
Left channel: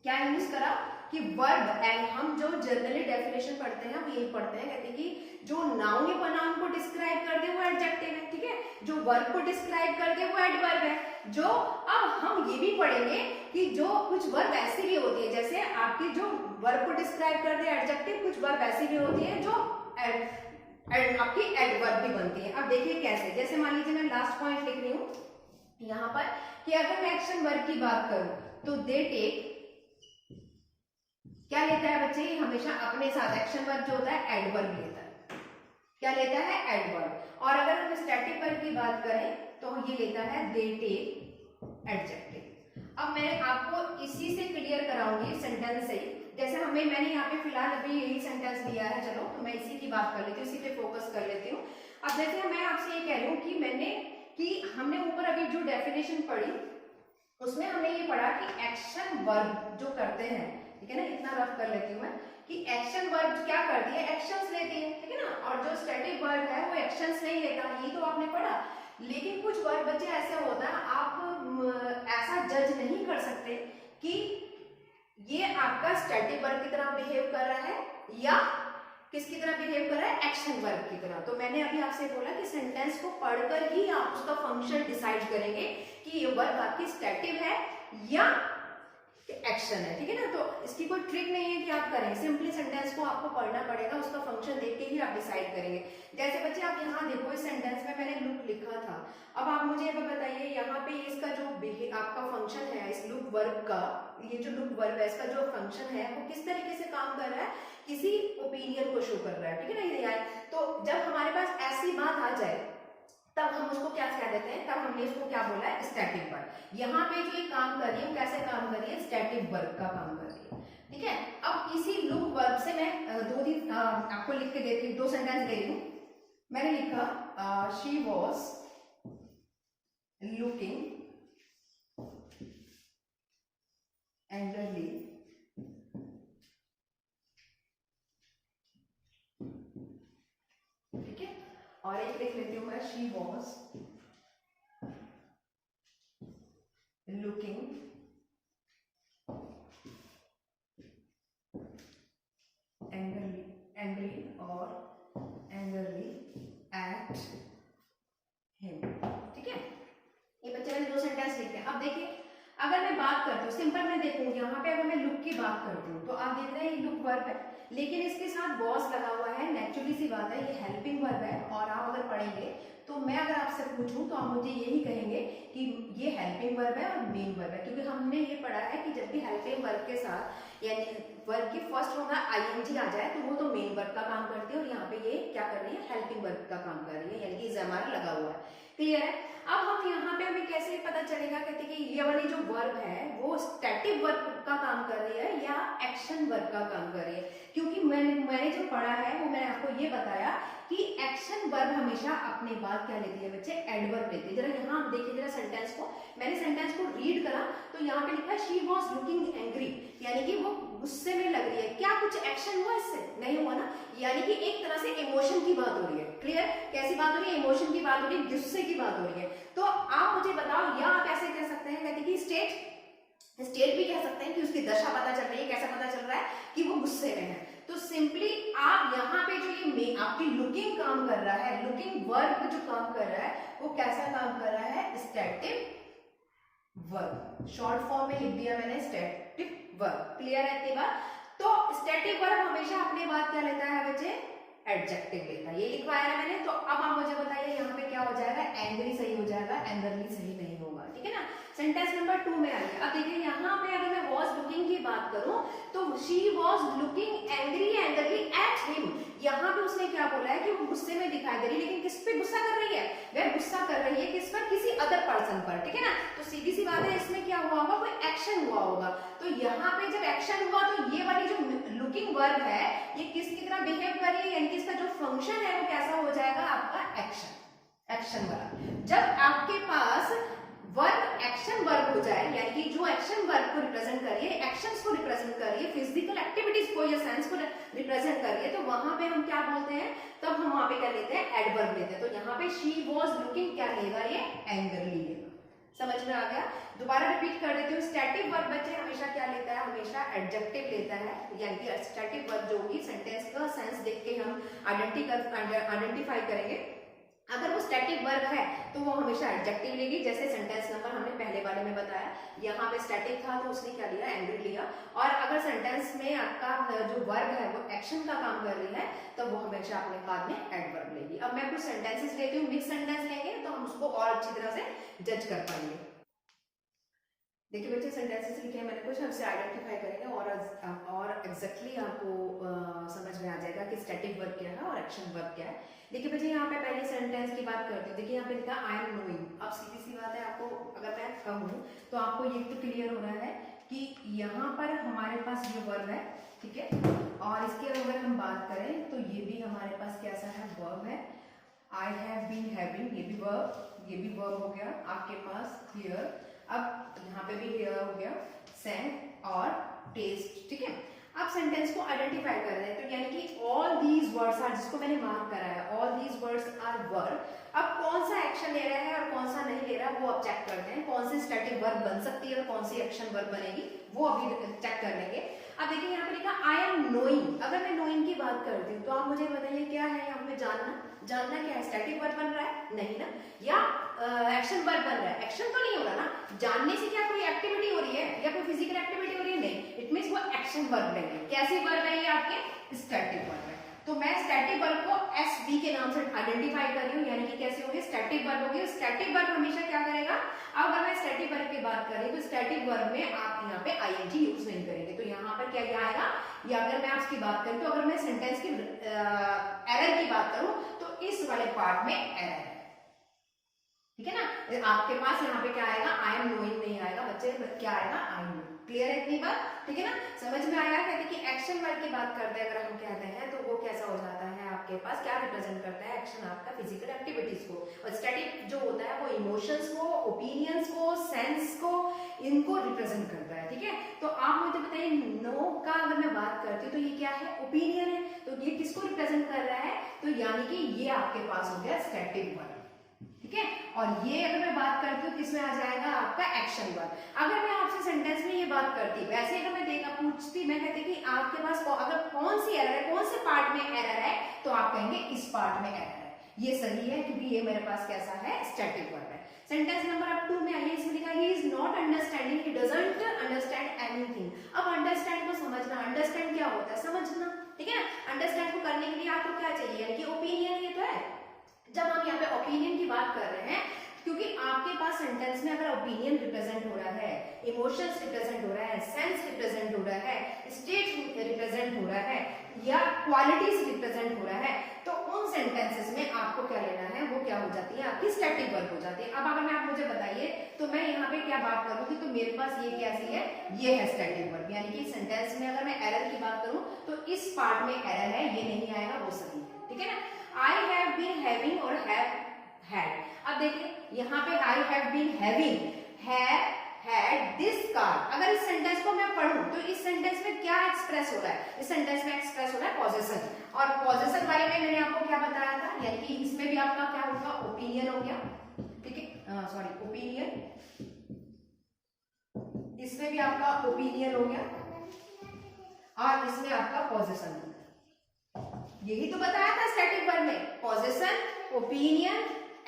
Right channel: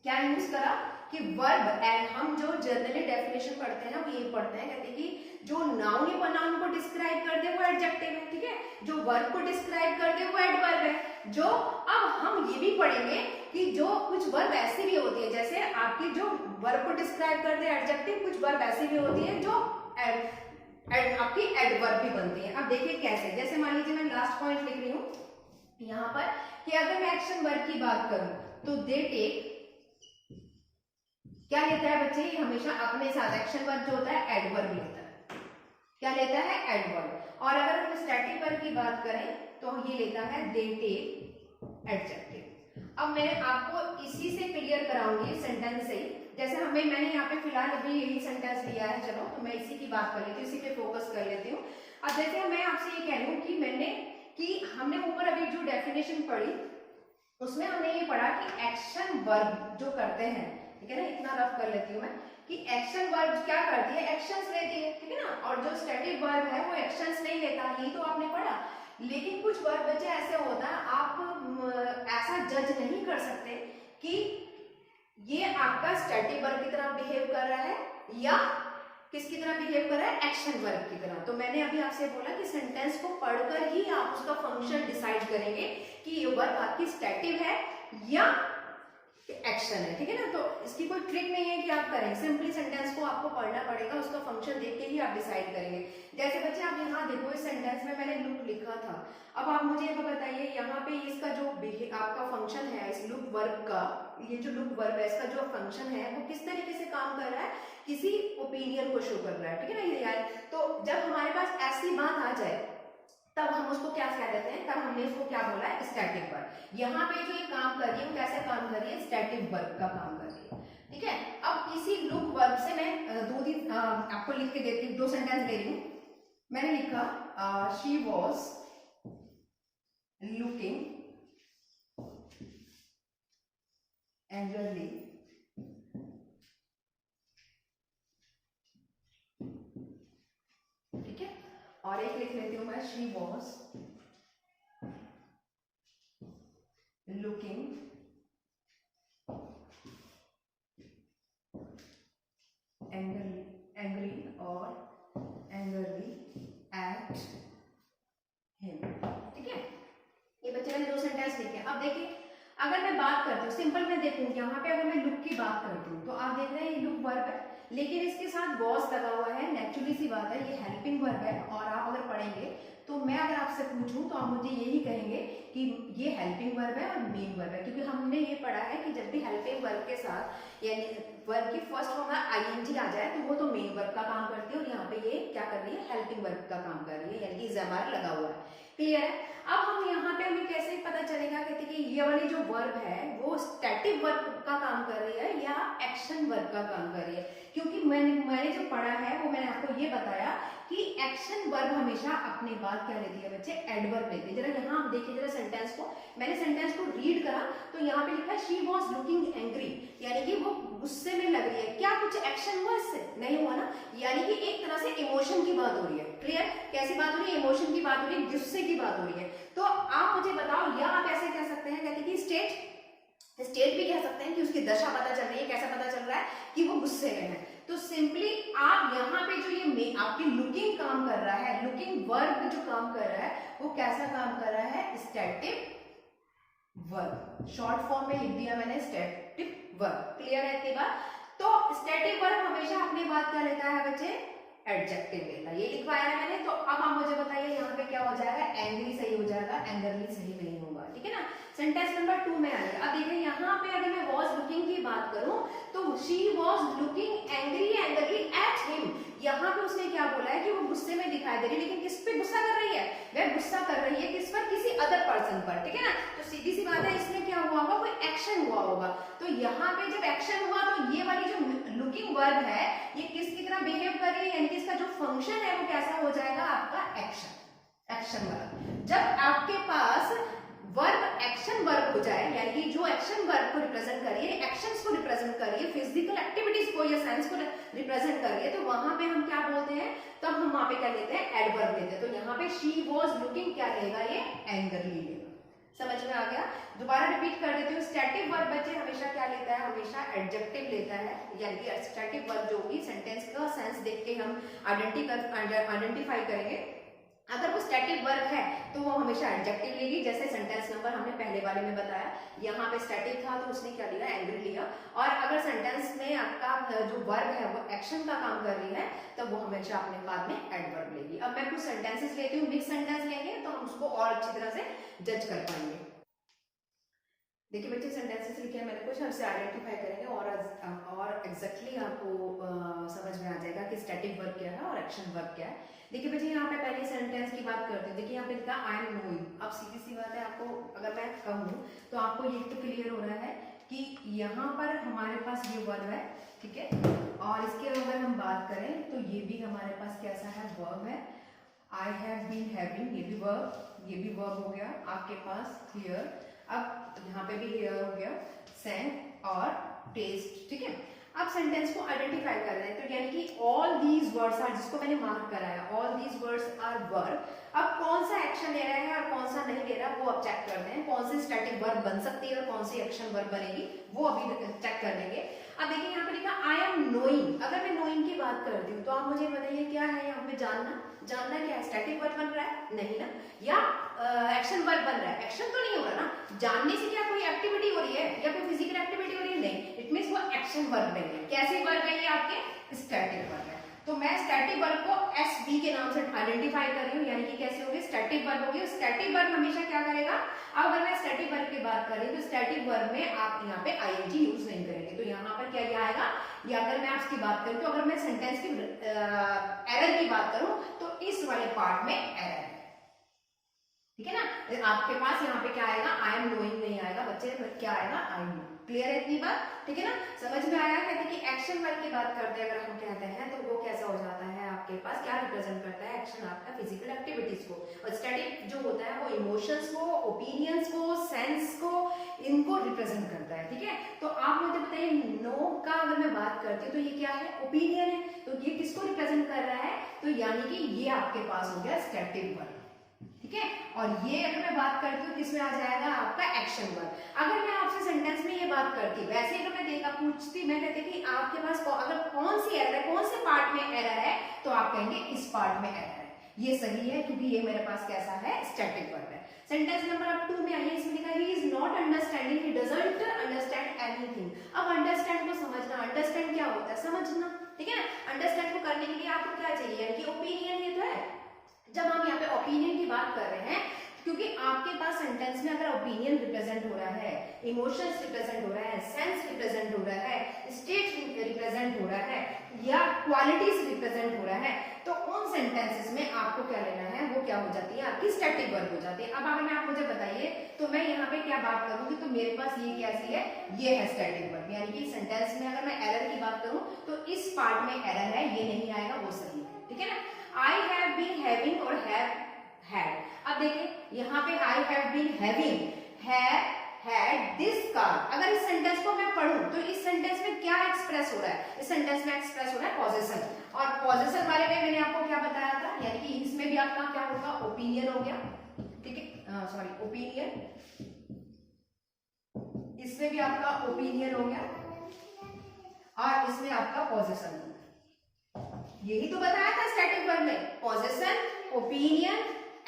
क्या यूज करा कि वर्ब, एंड हम जो जनरली डेफिनेशन पढ़ते हैं हम यही पढ़ते हैं, कहते हैं कि जो नाउन या प्रोनाउन को डिस्क्राइब कर दे वो एडजेक्टिव है, ठीक है, जो वर्ब को डिस्क्राइब कर दे वो एडवर्ब है। जो अब हम ये भी पढ़ेंगे कि जो कुछ वर्ब ऐसी भी होती है, जैसे आपकी जो वर्ब को डिस्क्राइब कर दे एडजेक्टिव, कुछ वर्ब ऐसी भी होती है जो आपकी एडवर्ब भी बनती है। अब देखिए कैसे, जैसे मान लीजिए मैं लास्ट पॉइंट लिख रही हूं यहाँ पर कि अगर मैं एक्शन वर्ब की बात करूं तो दे टेक, क्या लेता है बच्चे, हमेशा अपने साथ एक्शन वर्ब जो होता है एडवर्ब लेता है, क्या लेता है, एडवर्ब। और अगर हम स्टैटिक वर्ब की बात करें तो ये लेता है दे टेक एडजेक्टिव। अब मैं आपको इसी से क्लियर कराऊंगी सेंटेंस से ही। जैसे मैंने यहाँ पे फिलहाल अभी यही सेंटेंस लिया है, चलो तो मैं इसी की बात कर लेती हूँ, इसी पे फोकस कर लेती हूँ। अब जैसे मैं आपसे ये कह रही हूँ कि हमने ऊपर अभी जो डेफिनेशन पढ़ी उसमें हमने ये पढ़ा कि एक्शन वर्ब जो करते हैं, ठीक है ना, इतना रफ कर लेती हूँ मैं कि एक्शन वर्ब क्या करती है, एक्शंस लेती है, ठीक है ना, और जो स्टैटिक वर्ब है वो एक्शंस नहीं लेता, यही तो आपने पढ़ा। लेकिन कुछ वर्ब बच्चे ऐसे होता है, आप ऐसा जज नहीं कर सकते कि ये आपका स्टैटिक वर्ब की तरह बिहेव कर रहा है या किसकी तरह बिहेव कर रहा है, एक्शन वर्ब की तरह। तो मैंने अभी आपसे बोला कि सेंटेंस को पढ़कर ही आप उसका फंक्शन डिसाइड करेंगे कि ये वर्ब आपकी स्टैटिक है या एक्शन है, ठीक है ना। तो इसकी कोई ट्रिक नहीं है कि आप करें, सिंपली सेंटेंस को आपको पढ़ना पड़ेगा, उसका फंक्शन देख के ही आप डिसाइड करेंगे। जैसे बच्चे आप यहाँ देखो, इस सेंटेंस में मैंने लुक लिखा था। अब आप मुझे बताइए यहाँ पे इसका जो आपका फंक्शन है इस लुक वर्ब का, ये जो लुक वर्ब है इसका जो फंक्शन है वो किस तरीके से काम कर रहा है, किसी ओपिनियन को शो कर रहा है, ठीक है ना। ये तो जब हमारे पास ऐसी बात आ जाए तब हम उसको क्या कह देते हैं, तब हमने उसको क्या बोला है, स्टैटिक वर्ब। यहाँ पे जो ये काम कर रही है वो कैसे काम कर रही है, स्टैटिक वर्ब का काम कर रही है, ठीक है। अब इसी लुक वर्ब से मैं दो दिन आपको लिख के देती हूँ, दो सेंटेंस दे रही हूँ। मैंने लिखा शी वॉज लुकिंग एंग्रली ठीक है, और एक लिख लेती हूँ मैं, शी वॉज लुकिंग एंग्री और एंग्रली एट हिम, ठीक है। ये बच्चे मैंने दो सेंटेंस लिखे। अब देखिए अगर मैं बात करती हूँ सिंपल, मैं देखूँ यहाँ पे अगर मैं लुक की बात करती हूँ तो आप देख रहे हैं ये लुक वर्ब है, लेकिन इसके साथ वॉज लगा हुआ है, नेचुरली सी बात है, ये हेल्पिंग वर्ब है। और आप अगर पढ़ेंगे तो मैं अगर आपसे पूछूं तो आप मुझे यही कहेंगे कि ये हेल्पिंग वर्ब है और मेन वर्ब है, क्योंकि हमने ये पढ़ा है कि जब भी हेल्पिंग वर्ब के साथ यानी वर्ब की फर्स्ट फॉर्म में आईएनजी आ जाए तो वो तो मेन वर्ब का काम करती है, और यहाँ पे ये क्या कर रही है, हेल्पिंग वर्ब का काम कर रही है, यानी कि जमार लगा हुआ है, क्लियर है। अब हम यहाँ पे हमें कैसे पता चलेगा, कहते कि ये वाली जो वर्ब है वो स्टैटिक वर्ब का काम कर रही है या एक्शन वर्ब का काम कर रही है, क्योंकि मैंने जो पढ़ा है वो मैंने आपको ये बताया कि एक्शन वर्ब हमेशा अपने बाद क्या लेती है बच्चे, एडवर्ब लेती है। जरा यहाँ आप देखिए जरा सेंटेंस को, मैंने सेंटेंस को रीड करा तो यहाँ पे लिखा शी वॉज लुकिंग एंग्री, यानी कि वो गुस्से में लग रही है। क्या कुछ एक्शन हुआ इससे, नहीं हुआ ना, यानी कि एक तरह से इमोशन की बात हो रही है, क्लियर। कैसी बात हो रही है, इमोशन की बात हो रही है, गुस्से की बात हो रही है। तो आप मुझे बताओ, या आप ऐसे कह सकते हैं, कहते कि स्टेट भी कह सकते हैं कि उसकी दशा पता चल रही है, कैसा पता चल रहा है कि वो गुस्से में है। तो सिंपली आप यहाँ पे जो ये आपकी लुकिंग काम कर रहा है, लुकिंग वर्ब जो काम कर रहा है वो कैसा काम कर रहा है, स्टैटिक वर्ब। शॉर्ट फॉर्म में लिख दिया मैंने, स्टैटिक वर्ब, क्लियर है इतनी बात। तो स्टैटिक वर्ब हमेशा अपने बाद क्या लेता है बच्चे, एडजेक्टिव लेता है, ये लिखवाया है मैंने। तो अब आप मुझे बताइए यहाँ पे क्या हो जाएगा, एंग्री सही हो जाएगा, एंग्रली सही नहीं होगा, ठीक है ना। सेंटेंस नंबर 2 में आइए। अब देखिए यहाँ पे अगर मैं वॉज लुकिंग की बात करूं तो she was looking angry angrily at him, यहाँ पे उसने क्या बोला है कि वो गुस्से में दिखाई दे रही है, लेकिन किस पे गुस्सा कर रही है, वह गुस्सा कर रही है किस पर, किसी अदर पर्सन पर, ठीक है ना। तो सीधी सी बात है, इसमें क्या हुआ होगा, कोई एक्शन हुआ होगा। तो यहाँ पे जब एक्शन हुआ तो ये वाली जो लुकिंग वर्ब है ये किसकी तरह बिहेव कर रही है, यानी कि इसका जो फंक्शन है वो कैसा हो जाएगा आपका, एक्शन वर्ब। जब आपके पास वर्ब एक्शन वर्ब हो जाए, यानी कि जो एक्शन वर्ब को रिप्रेजेंट कर रही है, एक्शंस को रिप्रेजेंट कर रही है, फिजिकल एक्टिविटीज को या साइंस को रिप्रेजेंट कर रही है, तो वहां पे हम क्या बोलते हैं, तब हम वहां पे क्या लेते हैं, एडवर्ब लेते हैं। तो यहाँ पे शी वॉज लुकिंग क्या लेगा, ये एंग्रली लेगा। समझ में आ गया। दोबारा रिपीट कर देती हूँ, स्टैटिक वर्ब बच्चे हमेशा क्या लेता है, हमेशा एडजेक्टिव लेता है, यानी कि स्टैटिक वर्ब जो होगी सेंटेंस का सेंस देख के हम आइडेंटिफाई करेंगे। अगर वो स्टैटिक वर्ब है तो वो हमेशा एडजेक्टिव लेगी, जैसे सेंटेंस नंबर हमने पहले वाले में बताया, यहाँ पे स्टैटिक था तो उसने क्या लिया, एंग्री लिया। और अगर सेंटेंस में आपका जो वर्ब है वो एक्शन का काम कर रही है तो वो हमेशा अपने बाद में एडवर्ब लेगी। अब मैं कुछ सेंटेंसेस लेती हूँ, मिक्स सेंटेंस लेंगे तो हम उसको और अच्छी तरह से जज कर पाएंगे। देखिए बच्चे सेंटेंसेस लिखे हैं मैंने, कुछ हमसे आइडेंटिफाई करेंगे और एग्जैक्टली आपको समझ में आ जाएगा कि स्टैटिक वर्ब क्या है और एक्शन वर्ब क्या है। देखिए बच्चे यहाँ पे पहले सेंटेंस की बात करते हैं। देखिए यहाँ पे लिखा आई एम नोइंग। अब सीधी सी बात है, आपको अगर मैं कहूँ तो आपको ये तो क्लियर हो रहा है कि यहाँ पर हमारे पास ये वर्ब है, ठीक है, और इसके अगर हम बात करें तो ये भी हमारे पास कैसा है, वर्ब है। आई हैव बीन हैविंग, ये भी वर्ब हो गया आपके पास हियर। अब यहाँ पे भी हियर हो गया, सेंट और टेस्ट, ठीक है। अब सेंटेंस को आइडेंटिफाई कर रहे हैं, तो यानी कि ऑल दीज वर्ड्स आर, जिसको मैंने मार्क कराया, all these words are verb. अब कौन सा एक्शन ले रहा है और कौन सा नहीं ले रहा, वो अब चेक करते हैं। कौन सी स्टैटिक वर्ब बन सकती है और कौन सी एक्शन वर्ब बनेगी, वो अभी चेक कर लेंगे। अब देखिए यहाँ पे लिखा आई एम नोइंग। अगर मैं नोइंग की बात करती हूँ तो आप मुझे बताइए क्या है यहाँ पे, जानना क्या है, स्टैटिक वर्ब बन रहा है, नहीं ना, या एक्शन वर्ब बन रहा है, एक्शन तो नहीं हो रहा ना। जानने से क्या कोई एक्टिविटी हो रही है या कोई फिजिकल एक्टिविटी हो रही है, नहीं, इट मींस वो एक्शन वर्ब नहीं है। कैसी वर्ब है ये आपके, स्टैटिक वर्ब है। तो मैं स्टैटिक वर्ब को एसवी के नाम से आइडेंटिफाई कर रही हूँ, यानी कि कैसे होगी, स्टैटिक वर्ब होगी। स्टैटिक वर्ब हमेशा क्या करेगा, अब अगर मैं स्टैटिक वर्ब की बात करें तो स्टैटिक वर्ब में आप यहाँ पे आईएनजी यूज नहीं करेंगे। तो यहाँ पर क्या आएगा, या अगर मैं आपकी बात करूँ तो अगर मैं सेंटेंस की एरर की बात करूँ तो इस वाले पार्ट में एरर है, ठीक है ना। आपके पास यहाँ पे क्या आएगा, आई एम नोइंग नहीं आएगा बच्चे, क्या आएगा, आई नो। क्लियर है इतनी बात, ठीक है ना, समझ में आया। कहते कि एक्शन वर्ब की बात करते हैं अगर हम कहते हैं तो वो कैसा हो जाता है, आपके पास क्या रिप्रेजेंट करता है, एक्शन आपका फिजिकल एक्टिविटीज को, और स्टैटिक जो होता है वो इमोशंस को, ओपिनियंस को, सेंस को, इनको रिप्रेजेंट करता है, ठीक है। तो आप मुझे बताइए, नो का अगर मैं बात करती हूँ तो ये क्या है, ओपिनियन है। तो ये किसको रिप्रेजेंट कर रहा है, तो यानी कि ये आपके पास हो गया स्टैटिक वर्ब, ठीक है। और ये अगर मैं बात करती हूँ किसमें आ जाएगा, आपका एक्शन वर्ब। अगर मैं आपसे सेंटेंस में ये बात करती, वैसे अगर मैं देखा पूछती, मैं कहती कि आपके पास अगर कौन सी एरर है, कौन से पार्ट में एरर है, तो आप कहेंगे इस पार्ट में एरर है। ये सही है क्योंकि ये मेरे पास कैसा है, स्टैटिक वर्ब है। सेंटेंस नंबर अब 2 में आइए, इसमें लिखा है he is not understanding, he doesn't understand anything. अब अंडरस्टैंड को समझना, अंडरस्टैंड क्या होता है, समझना, ठीक है ना। अंडरस्टैंड को करने के लिए आपको क्या चाहिए, यानी कि ओपिनियन, ये तो है। जब हम यहाँ पे ओपिनियन की बात कर रहे हैं, क्योंकि आपके पास सेंटेंस में अगर ओपिनियन रिप्रेजेंट हो रहा है, इमोशंस रिप्रेजेंट हो रहा है, सेंस रिप्रेजेंट हो रहा है, स्टेट रिप्रेजेंट हो रहा है, या क्वालिटीज रिप्रेजेंट हो रहा है, तो उन सेंटेंसेस में आपको क्या लेना है, वो क्या हो जाती है, आपकी स्टैटिक वर्ब हो जाती है। अब अगर आप मुझे बताइए तो मैं यहाँ पे क्या बात करूंगी, तो मेरे पास ये कैसी है, ये है स्टैटिक वर्ब, यानी कि सेंटेंस में अगर मैं एरर की बात करूं तो इस पार्ट में एरर है, ये नहीं आएगा, वो सही है, ठीक है ना। आई हैव बीन हैविंग और हैव हैड। अब देखिए यहाँ पे I have been having, had this car. अगर इस सेंटेंस को मैं पढ़ूं तो इस सेंटेंस में क्या एक्सप्रेस हो रहा है, इस सेंटेंस में एक्सप्रेस हो रहा है पॉजेशन, और पॉजेशन बारे में मैंने आपको क्या बताया था, यानी कि इसमें भी आपका क्या होगा, ओपिनियन हो गया, ठीक है, सॉरी ओपिनियन, इसमें भी आपका ओपिनियन हो गया और इसमें आपका पॉजेशन हो गया। यही तो बताया था स्टैटिक वर्ब में, पॉजेशन, ओपिनियन,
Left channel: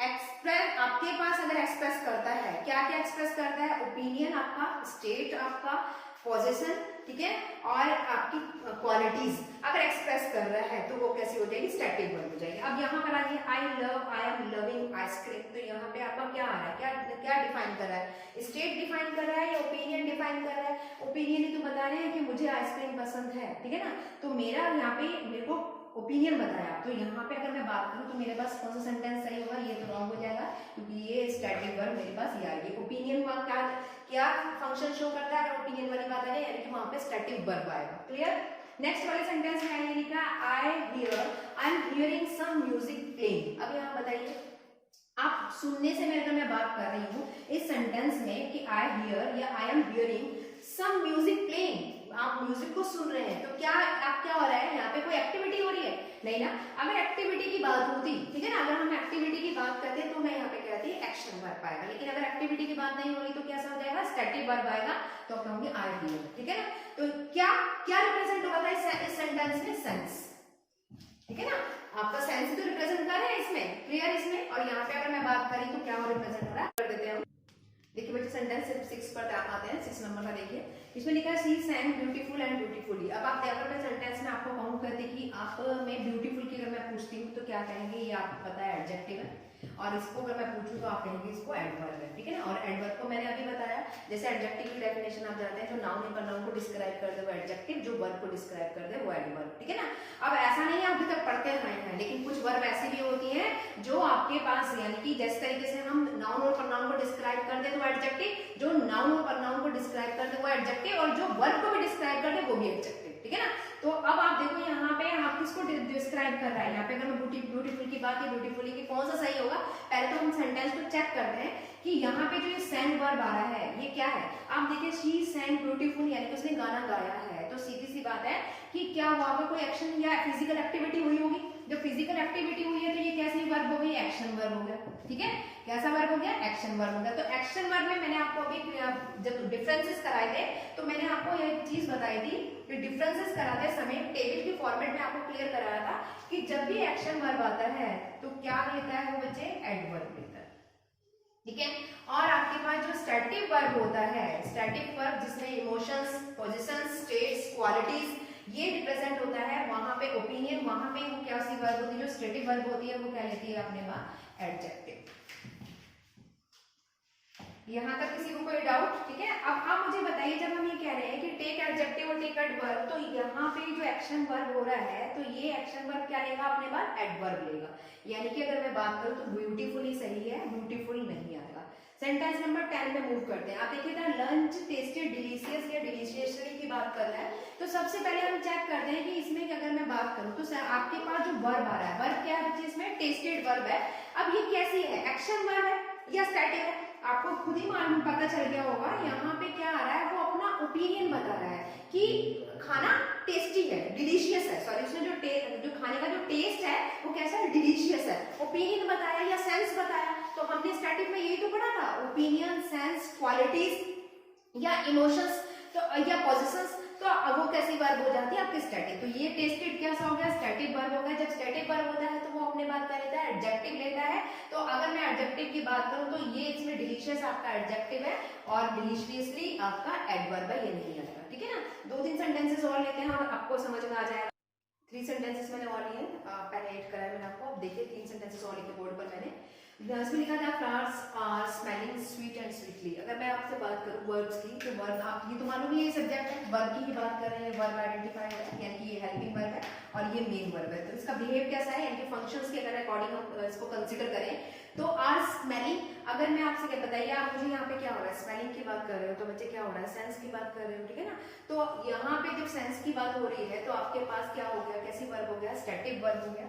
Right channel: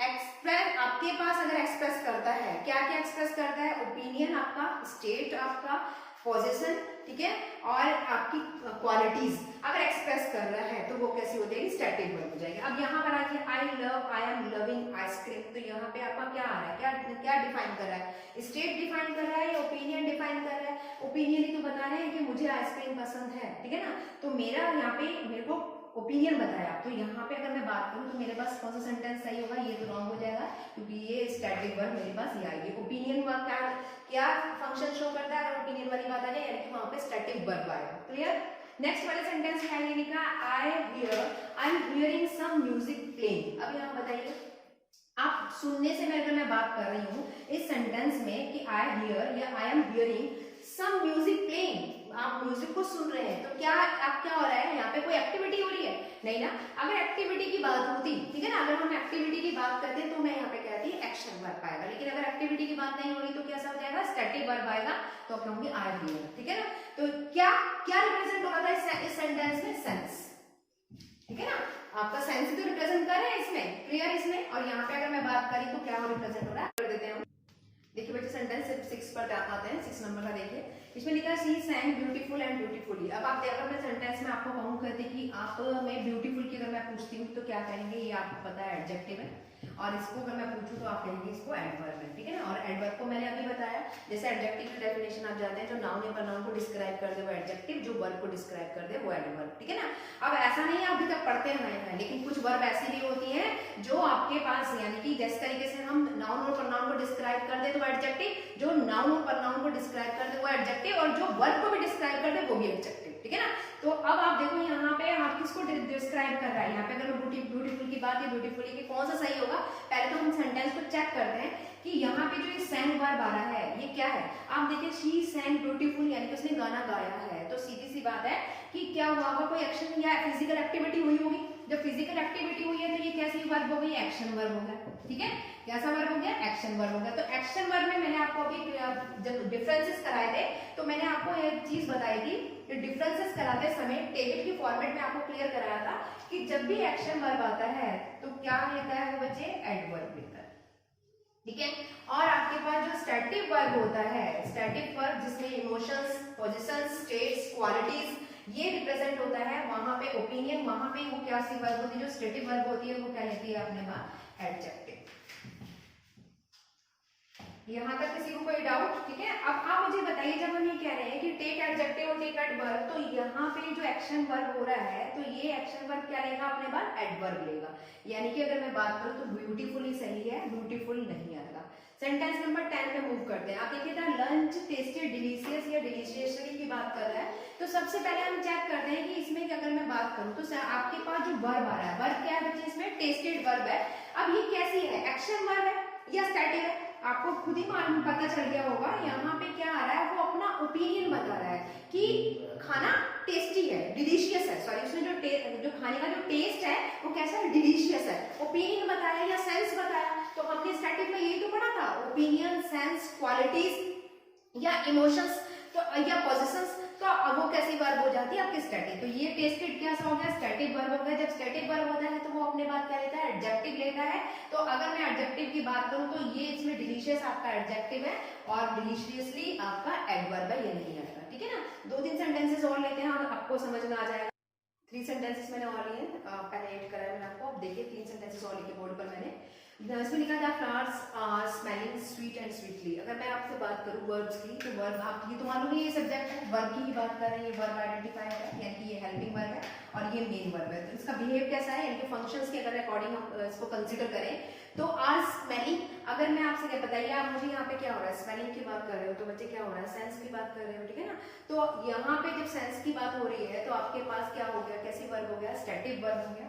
एक्सप्रेस। आपके पास अगर एक्सप्रेस करता है, क्या क्या एक्सप्रेस करता है, ओपिनियन आपका, स्टेट आपका, पॉजेशन, ठीक है, और आपकी क्वालिटीज अगर एक्सप्रेस कर रहा है तो वो कैसी हो जाएगी, स्टैटिक वर्ब हो जाएगी। अब यहाँ पर आइए, आई एम लविंग आइसक्रीम, तो यहाँ पे आपका क्या आ रहा है, क्या डिफाइन कर रहा है, स्टेट डिफाइन कर रहा है या ओपिनियन डिफाइन कर रहा है। ओपिनियन ही तो बता रहे हैं कि मुझे आइसक्रीम पसंद है, ठीक है ना। तो मेरा यहाँ पे मेरे को ओपिनियन बताया, तो यहाँ पे अगर मैं बात करूँ तो मेरे पास कौन सा सेंटेंस सही होगा, ये तो रॉन्ग हो जाएगा क्योंकि ये स्टैटिक वर्ब मेरे पास ये आएगी। ओपिनियन क्या फंक्शन शो करता है, अगर ओपिनियन वाली बात आ जाए, यानी कि वहां पे स्टैटिक वर्ब आएगा। क्लियर। नेक्स्ट वाले सेंटेंस में आइए, लिखा I am hearing some music playing. अब यहाँ बताइए, आप सुनने से मैं अगर मैं बात कर रही हूँ इस सेंटेंस में कि आई हियर या I am hearing some music playing, आप म्यूजिक को सुन रहे हैं, तो क्या हो रहा है, यहाँ पे कोई एक्टिविटी हो रही है, नहीं ना। अगर एक्टिविटी की बात होती, ठीक है ना, अगर हम एक्टिविटी की बात करते हैं तो मैं यहाँ पे कहती है एक्शन वर्ब आएगा, लेकिन अगर एक्टिविटी की बात नहीं हो रही तो कैसा हो जाएगा, स्टैटिक वर्ब आएगा, तो कहूंगी आई हियर, ठीक है ना। तो क्या रिप्रेजेंट हो रहा है इस सेंटेंस में, सेंस, ठीक है ना, आपका सेंस भी रिप्रेजेंट कर रहे हैं इसमें, क्लियर इसमें। और यहाँ पे अगर मैं बात करी तो क्या रिप्रेजेंट हो रहा है, कर देते हैं। देखिए बच्चे सेंटेंस 6 पर आते हैं, 6 नंबर का देखिए, इसमें लिखा है शी सैंग ब्यूटीफुल एंड ब्यूटीफुली। अब आप अगर मैं सेंटेंस में आपको कहूँ, कहते कि आप में ब्यूटीफुल की अगर मैं पूछती हूँ तो क्या कहेंगे, ये आपको पता है एडजेक्टिव है, और इसको अगर मैं पूछूं तो आप कहेंगे इसको एडवर्ब है, ठीक है ना। और एडवर्ब को मैंने अभी बताया, जैसे एडजेक्टिव की डेफिनेशन आप जानते हैं, जो नाउन या प्रोनाउन को डिस्क्राइब कर दे वो एडजेक्टिव, जो वर्ब को डिस्क्राइब कर दे वो एडवर्ब, ठीक है ना। अब ऐसा नहीं है, अभी तक पढ़ते हैं, लेकिन ऐसी भी होती हैं जो आपके पास, यानी कि जिस तरीके से हम नाउन और प्रोनाउन को डिस्क्राइब कर दे तो एडजेक्टिव, जो नाउन और प्रोनाउन को डिस्क्राइब कर दे वो एडजेक्टिव, और जो वर्ब को भी डिस्क्राइब कर दे वो भी एडजेक्टिव, ठीक है ना। तो अब आप देखो यहाँ पे आप किसको डिस्क्राइब कर रहा है, यहाँ पे अगर मैं ब्यूटीफुल की बात है, ब्यूटीफुली की कौन सा सही होगा, पहले तो हम सेंटेंस को चेक करते हैं कि यहाँ पे जो ये सैंग वर्ब आ रहा है ये क्या है। आप देखिए शी सैंग ब्यूटीफुल, यानी कि उसने गाना गाया है, तो सीधी सी बात है कि क्या हुआ होगा, कोई एक्शन या फिजिकल एक्टिविटी हुई होगी। जब फिजिकल एक्टिविटी हुई है तो ये कैसी वर्ब हो गई, एक्शन वर्ब हो गया, ठीक है। कैसा वर्ब हो गया, एक्शन वर्ब हो गया। तो एक्शन वर्ब में मैंने आपको अभी जब डिफरेंसेस कराए थे तो मैंने आपको एक चीज बताई थी कि डिफरेंसेस कराते समय टेबल की फॉर्मेट में आपको क्लियर कराया था कि जब भी एक्शन वर्ब आता है तो क्या लेता है वो बच्चे, एडवर्ब लेता है, ठीक है। और आपके पास जो स्टैटिक वर्ब होता है, स्टैटिक वर्ब जिसमें इमोशंस, पोजीशंस, स्टेट्स, क्वालिटीज ये रिप्रेजेंट होता है, वहां पे ओपिनियन, वहां पे वो क्या सी वर्ब होती है, जो स्टैटिक वर्ब होती है वो क्या लेती है अपने पास, एडजेक्टिव। यहाँ तक किसी को कोई डाउट, ठीक है। अब आप मुझे बताइए, जब हम ये कह रहे हैं कि टेक एडजेक्टिव और टेक एडवर्ब, तो यहाँ पे जो एक्शन वर्ब हो रहा है तो ये एक्शन वर्ब क्या लेगा अपने पास, एडवर्ब लेगा। यानी कि अगर मैं बात करूँ तो ब्यूटीफुल ही सही है, ब्यूटीफुल नहीं आता। सेंटेंस नंबर 10 पे मूव करते हैं। आप देखिए था लंच टेस्टेड डिलीशियस या डिलीशियसली की बात कर रहा है, तो सबसे पहले हम चेक करते हैं कि इसमें अगर मैं बात करूं तो आपके पास जो वर्ब आ रहा है, वर्ब क्या है बच्चे, इसमें टेस्टेड वर्ब है। अब ये कैसी है, एक्शन वर्ब है या स्टैटिक है, आपको खुद ही मालूम पता चल गया होगा। यहाँ पे क्या आ रहा है, वो अपना ओपिनियन बता रहा है कि खाना टेस्टी है, डिलीशियस है, सॉरी उसमें जो खाने का जो टेस्ट है वो कैसा है, डिलीशियस है। ओपिनियन बताया या सेंस बताया, तो हमने स्टैटिक में यही तो पढ़ा था, ओपिनियन, सेंस, क्वालिटीज या इमोशंस तो या पोजीशंस, तो अब वो कैसी वर्ब हो जाती है आपकी स्टैटिक। तो ये टेस्टेड कैसा हो गया, स्टैटिक वर्ब हो गया। जब स्टैटिक वर्ब होता है तो वो अपने बात क्या लेता है, एडजेक्टिव लेता है। तो अगर मैं एडजेक्टिव की बात करूं तो ये इसमें डिलीशियस आपका एडजेक्टिव है और डिलीशियसली आपका एडवर्ब है, ये नहीं आता, ठीक है ना। 2-3 सेंटेंसेस और लेते हैं और आपको समझ में आ जाएगा। 3 सेंटेंसेस मैंने और लिए, पहले एड कराया मैंने आपको। अब देखिए 3 सेंटेंसेस और लिखे बोर्ड पर मैंने, इसमें लिखा था flowers are smelling sweet and sweetly. अगर मैं आपसे बात करूं वर्ब्स की, तो वर्ब आप ये तो मालूम है ये सब्जेक्ट है, वर्ब की बात कर रहे हैं, ये वर्ब आइडेंटिफायर है, यानी कि ये हेल्पिंग वर्ब है और ये मेन वर्ब है। तो इसका बिहेव कैसा है, यानी कि फंक्शंस के अगर अकॉर्डिंग हम इसको कंसीडर करें तो आर स्मेलिंग, अगर मैं आपसे क्या बताइए, आप मुझे यहाँ पे क्या हो रहा है, स्मेलिंग की बात कर रहे हो तो बच्चे क्या हो रहा है, सेंस की बात कर रहे हो, ठीक है ना। तो यहाँ पे जब सेंस की बात हो रही है तो आपके पास क्या हो गया, कैसी वर्ब हो गया, स्टैटिक वर्ब हो गया,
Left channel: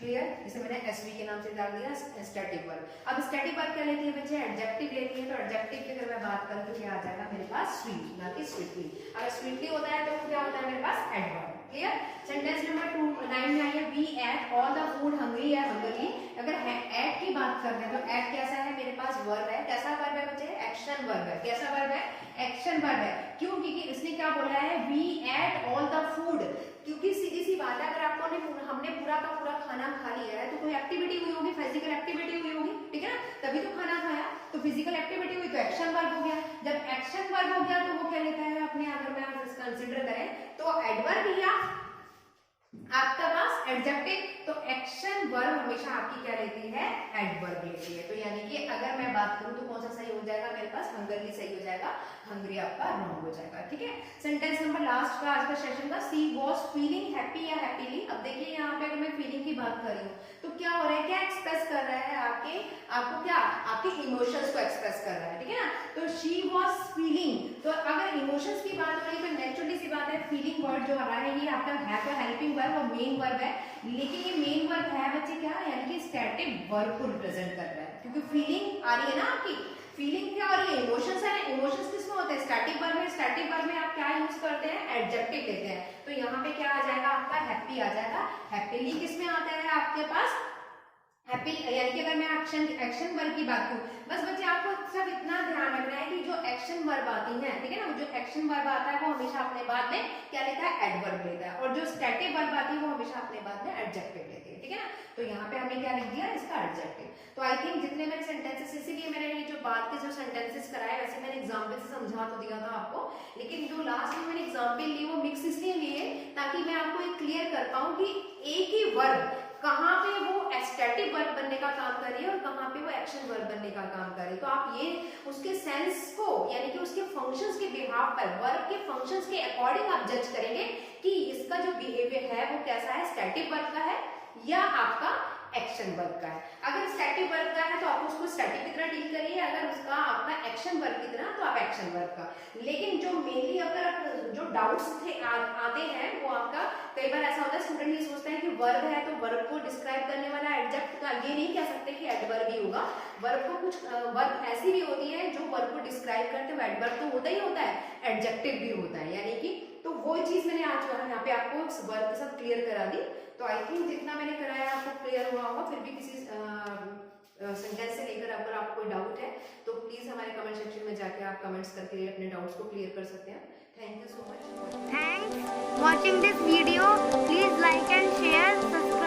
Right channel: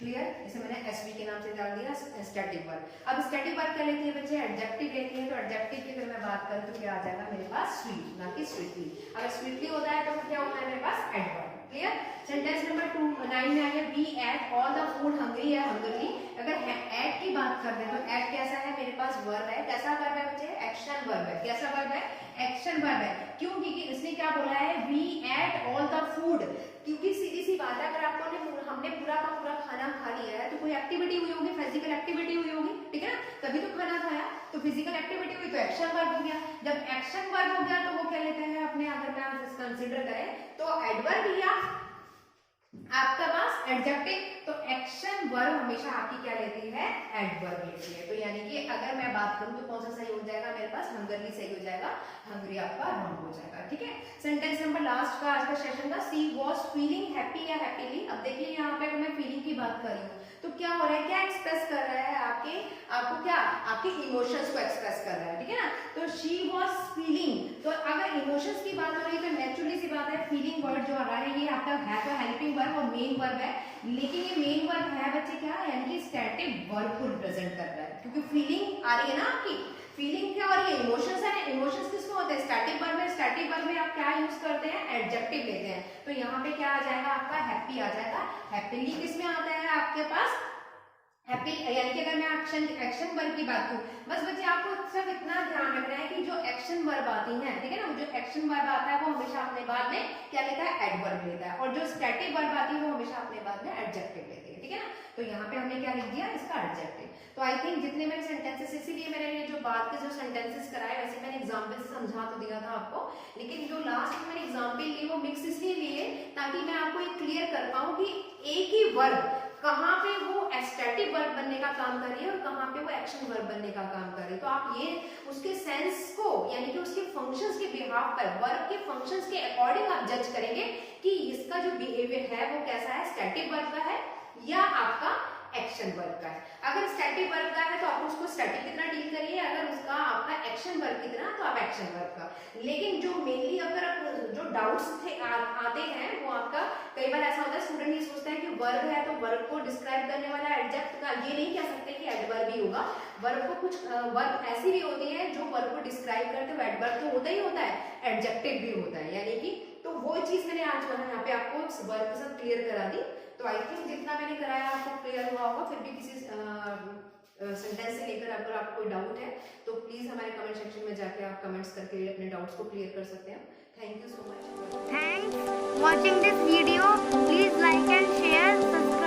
क्लियर। जैसे मैंने एसवी के नाम से डाल दिया स्टैटिक वर्ब। अब स्टैटिक वर्ब क्या लेती है बच्चे, एडजेक्टिव लेती है। तो एडजेक्टिव की अगर मैं बात करूं तो क्या आ जाएगा मेरे पास, स्वीट, ना कि स्वीटली। अगर स्वीटली होता है तो क्या होता है मेरे पास, एडवर्ब, क्लियर। सेंटेंस नंबर 9 में आइए, we ate all the food hungry या हंगरली। अगर एट की बात कर रहे हैं तो एट कैसा है मेरे पास, वर्ब है। कैसा वर्ब है बच्चे, एक्शन वर्ब है। कैसा वर्ब है, एक्शन वर्ब है। क्यों, क्योंकि इसने क्या बोला है, we ate all the food, क्योंकि सीधी सी बात है, अगर आपको हमने पूरा का पूरा खाना खा लिया है तो कोई एक्टिविटी हुई होगी, फिजिकल एक्टिविटी हुई होगी, ठीक है ना, तभी तो खाना खाया। तो फिजिकल एक्टिविटी हुई तो एक्शन वर्ब हो गया। जब एक्शन वर्ब हो गया तो वो क्या लेते हैं अपने, अगर मैं कंसिडर करें तो एडवर्ब या आपका पास एडजेक्टिव। तो एक्शन वर्ब हमेशा आपकी क्या लेती है, एडवर्ब लेती है। तो यानी कि अगर मैं बात करूं तो कौन सा सही हो जाएगा मेरे पास, हंगरली सही हो जाएगा, हंगरी आपका रॉन्ग हो जाएगा, ठीक है। सेंटेंस नंबर लास्ट का आज का सेशन का, सी वाज फीलिंग हैप्पी या हैप्पीली। अब देखिए यहाँ पे अगर मैं फीलिंग की बात कर रही हूँ तो क्या हो रहा है, क्या एक्सप्रेस कर रहा है, आपको क्या, आपके इमोशंस को एक्सप्रेस कर रहा है, ठीक है ना। तो शी वाज फीलिंग, तो अगर इमोशंस की बात हो रही है तो नेचुरली सी बात है, फीलिंग वर्ड जो आ रहा है ये आपका है तो हेल्पिंग वर्ब और मेन वर्ब है। लेकिन ये मेन वर्ब है बच्चे क्या, यानी कि स्टैटिक वर्ब को रिप्रेजेंट कर रहा है, क्योंकि फीलिंग आ रही है ना आपकी, फीलिंग क्या हो रही है, इमोशंस है। इमोशंस किसमें होते हैं, स्टैटिक वर्ब में। स्टैटिक वर्ब में आप क्या यूज करते हैं, एडजेक्टिव लेते हैं। तो यहाँ पे क्या आ जाएगा आपका, हैप्पी आ जाएगा। हैप्पीली किसमें आता है आपके पास, हैप्पी, यानी कि अगर मैं एक्शन वर्ब की बात करूं, बस बच्चे आपको सिर्फ इतना ध्यान रखना है कि जो एक्शन वर्ब आती है, ठीक है ना, जो एक्शन वर्ब आता है वो हमेशा अपने बाद में क्या लेता है, एडवर्ब लेता है, और जो स्टैटिक वर्ब आती है वो हमेशा अपने बाद में एडजेक्टिव लेती है, ठीक है ना। तो यहाँ पे हमने क्या लिख दिया, इसका एडजेक्टिव। तो आई थिंक जितने मैंने सेंटेंसेस, इसीलिए मैंने ये जो बात के जो सेंटेंसेस कराए, वैसे मैंने एग्जाम्पल से समझा तो दिया था आपको, लेकिन जो लास्ट में मैंने एग्जाम्पल लिए वो मिक्स इसलिए लिए ताकि मैं आपको एक क्लियर कर पाऊं कि एक ही वर्ब कहाँ पे वो स्टैटिक वर्ब बनने का काम कर रही है और कहाँ पे वो एक्शन वर्ब बनने का काम कर रही है। तो आप ये उसके सेंस को, यानी कि उसके फंक्शंस के बिहाफ पर, वर्ब के फंक्शंस के अकॉर्डिंग आप जज करेंगे कि इसका जो बिहेवियर है वो कैसा है, स्टैटिक वर्ब का है या आपका एक्शन वर्ब का है। अगर स्टैटिक वर्ब का है तो आप उसको स्टैटिक की तरह डील करिए, अगर उसका आपका एक्शन वर्ब की तरह तो आप एक्शन वर्ब का। लेकिन जो मेनली अगर आप जो डाउट्स आते हैं वो आपका, कई बार ऐसा होता है स्टूडेंट ये सोचते हैं कि वर्ब है तो वर्ब को डिस्क्राइब करने वाला एडजेक्ट का, ये नहीं कह सकते कि एडवर्ब ही होगा। वर्ब को कुछ वर्ब ऐसी भी होती है जो वर्ब को डिस्क्राइब करते हुए, एडवर्ब तो होता ही होता है, एडजेक्टिव भी होता है, यानी कि तो वो चीज मैंने आज यहाँ पे आपको वर्ब के साथ क्लियर करा दी। तो आई थिंक जितना मैंने कराया आपको क्लियर हुआ होगा। फिर भी किसी सेंटेंस से लेकर अगर आपको कोई डाउट है तो प्लीज हमारे कमेंट सेक्शन में जाके आप कमेंट्स करके अपने डाउट्स को क्लियर कर सकते हैं। Thank you so much. Thanks watching this video. Please like and share, subscribe.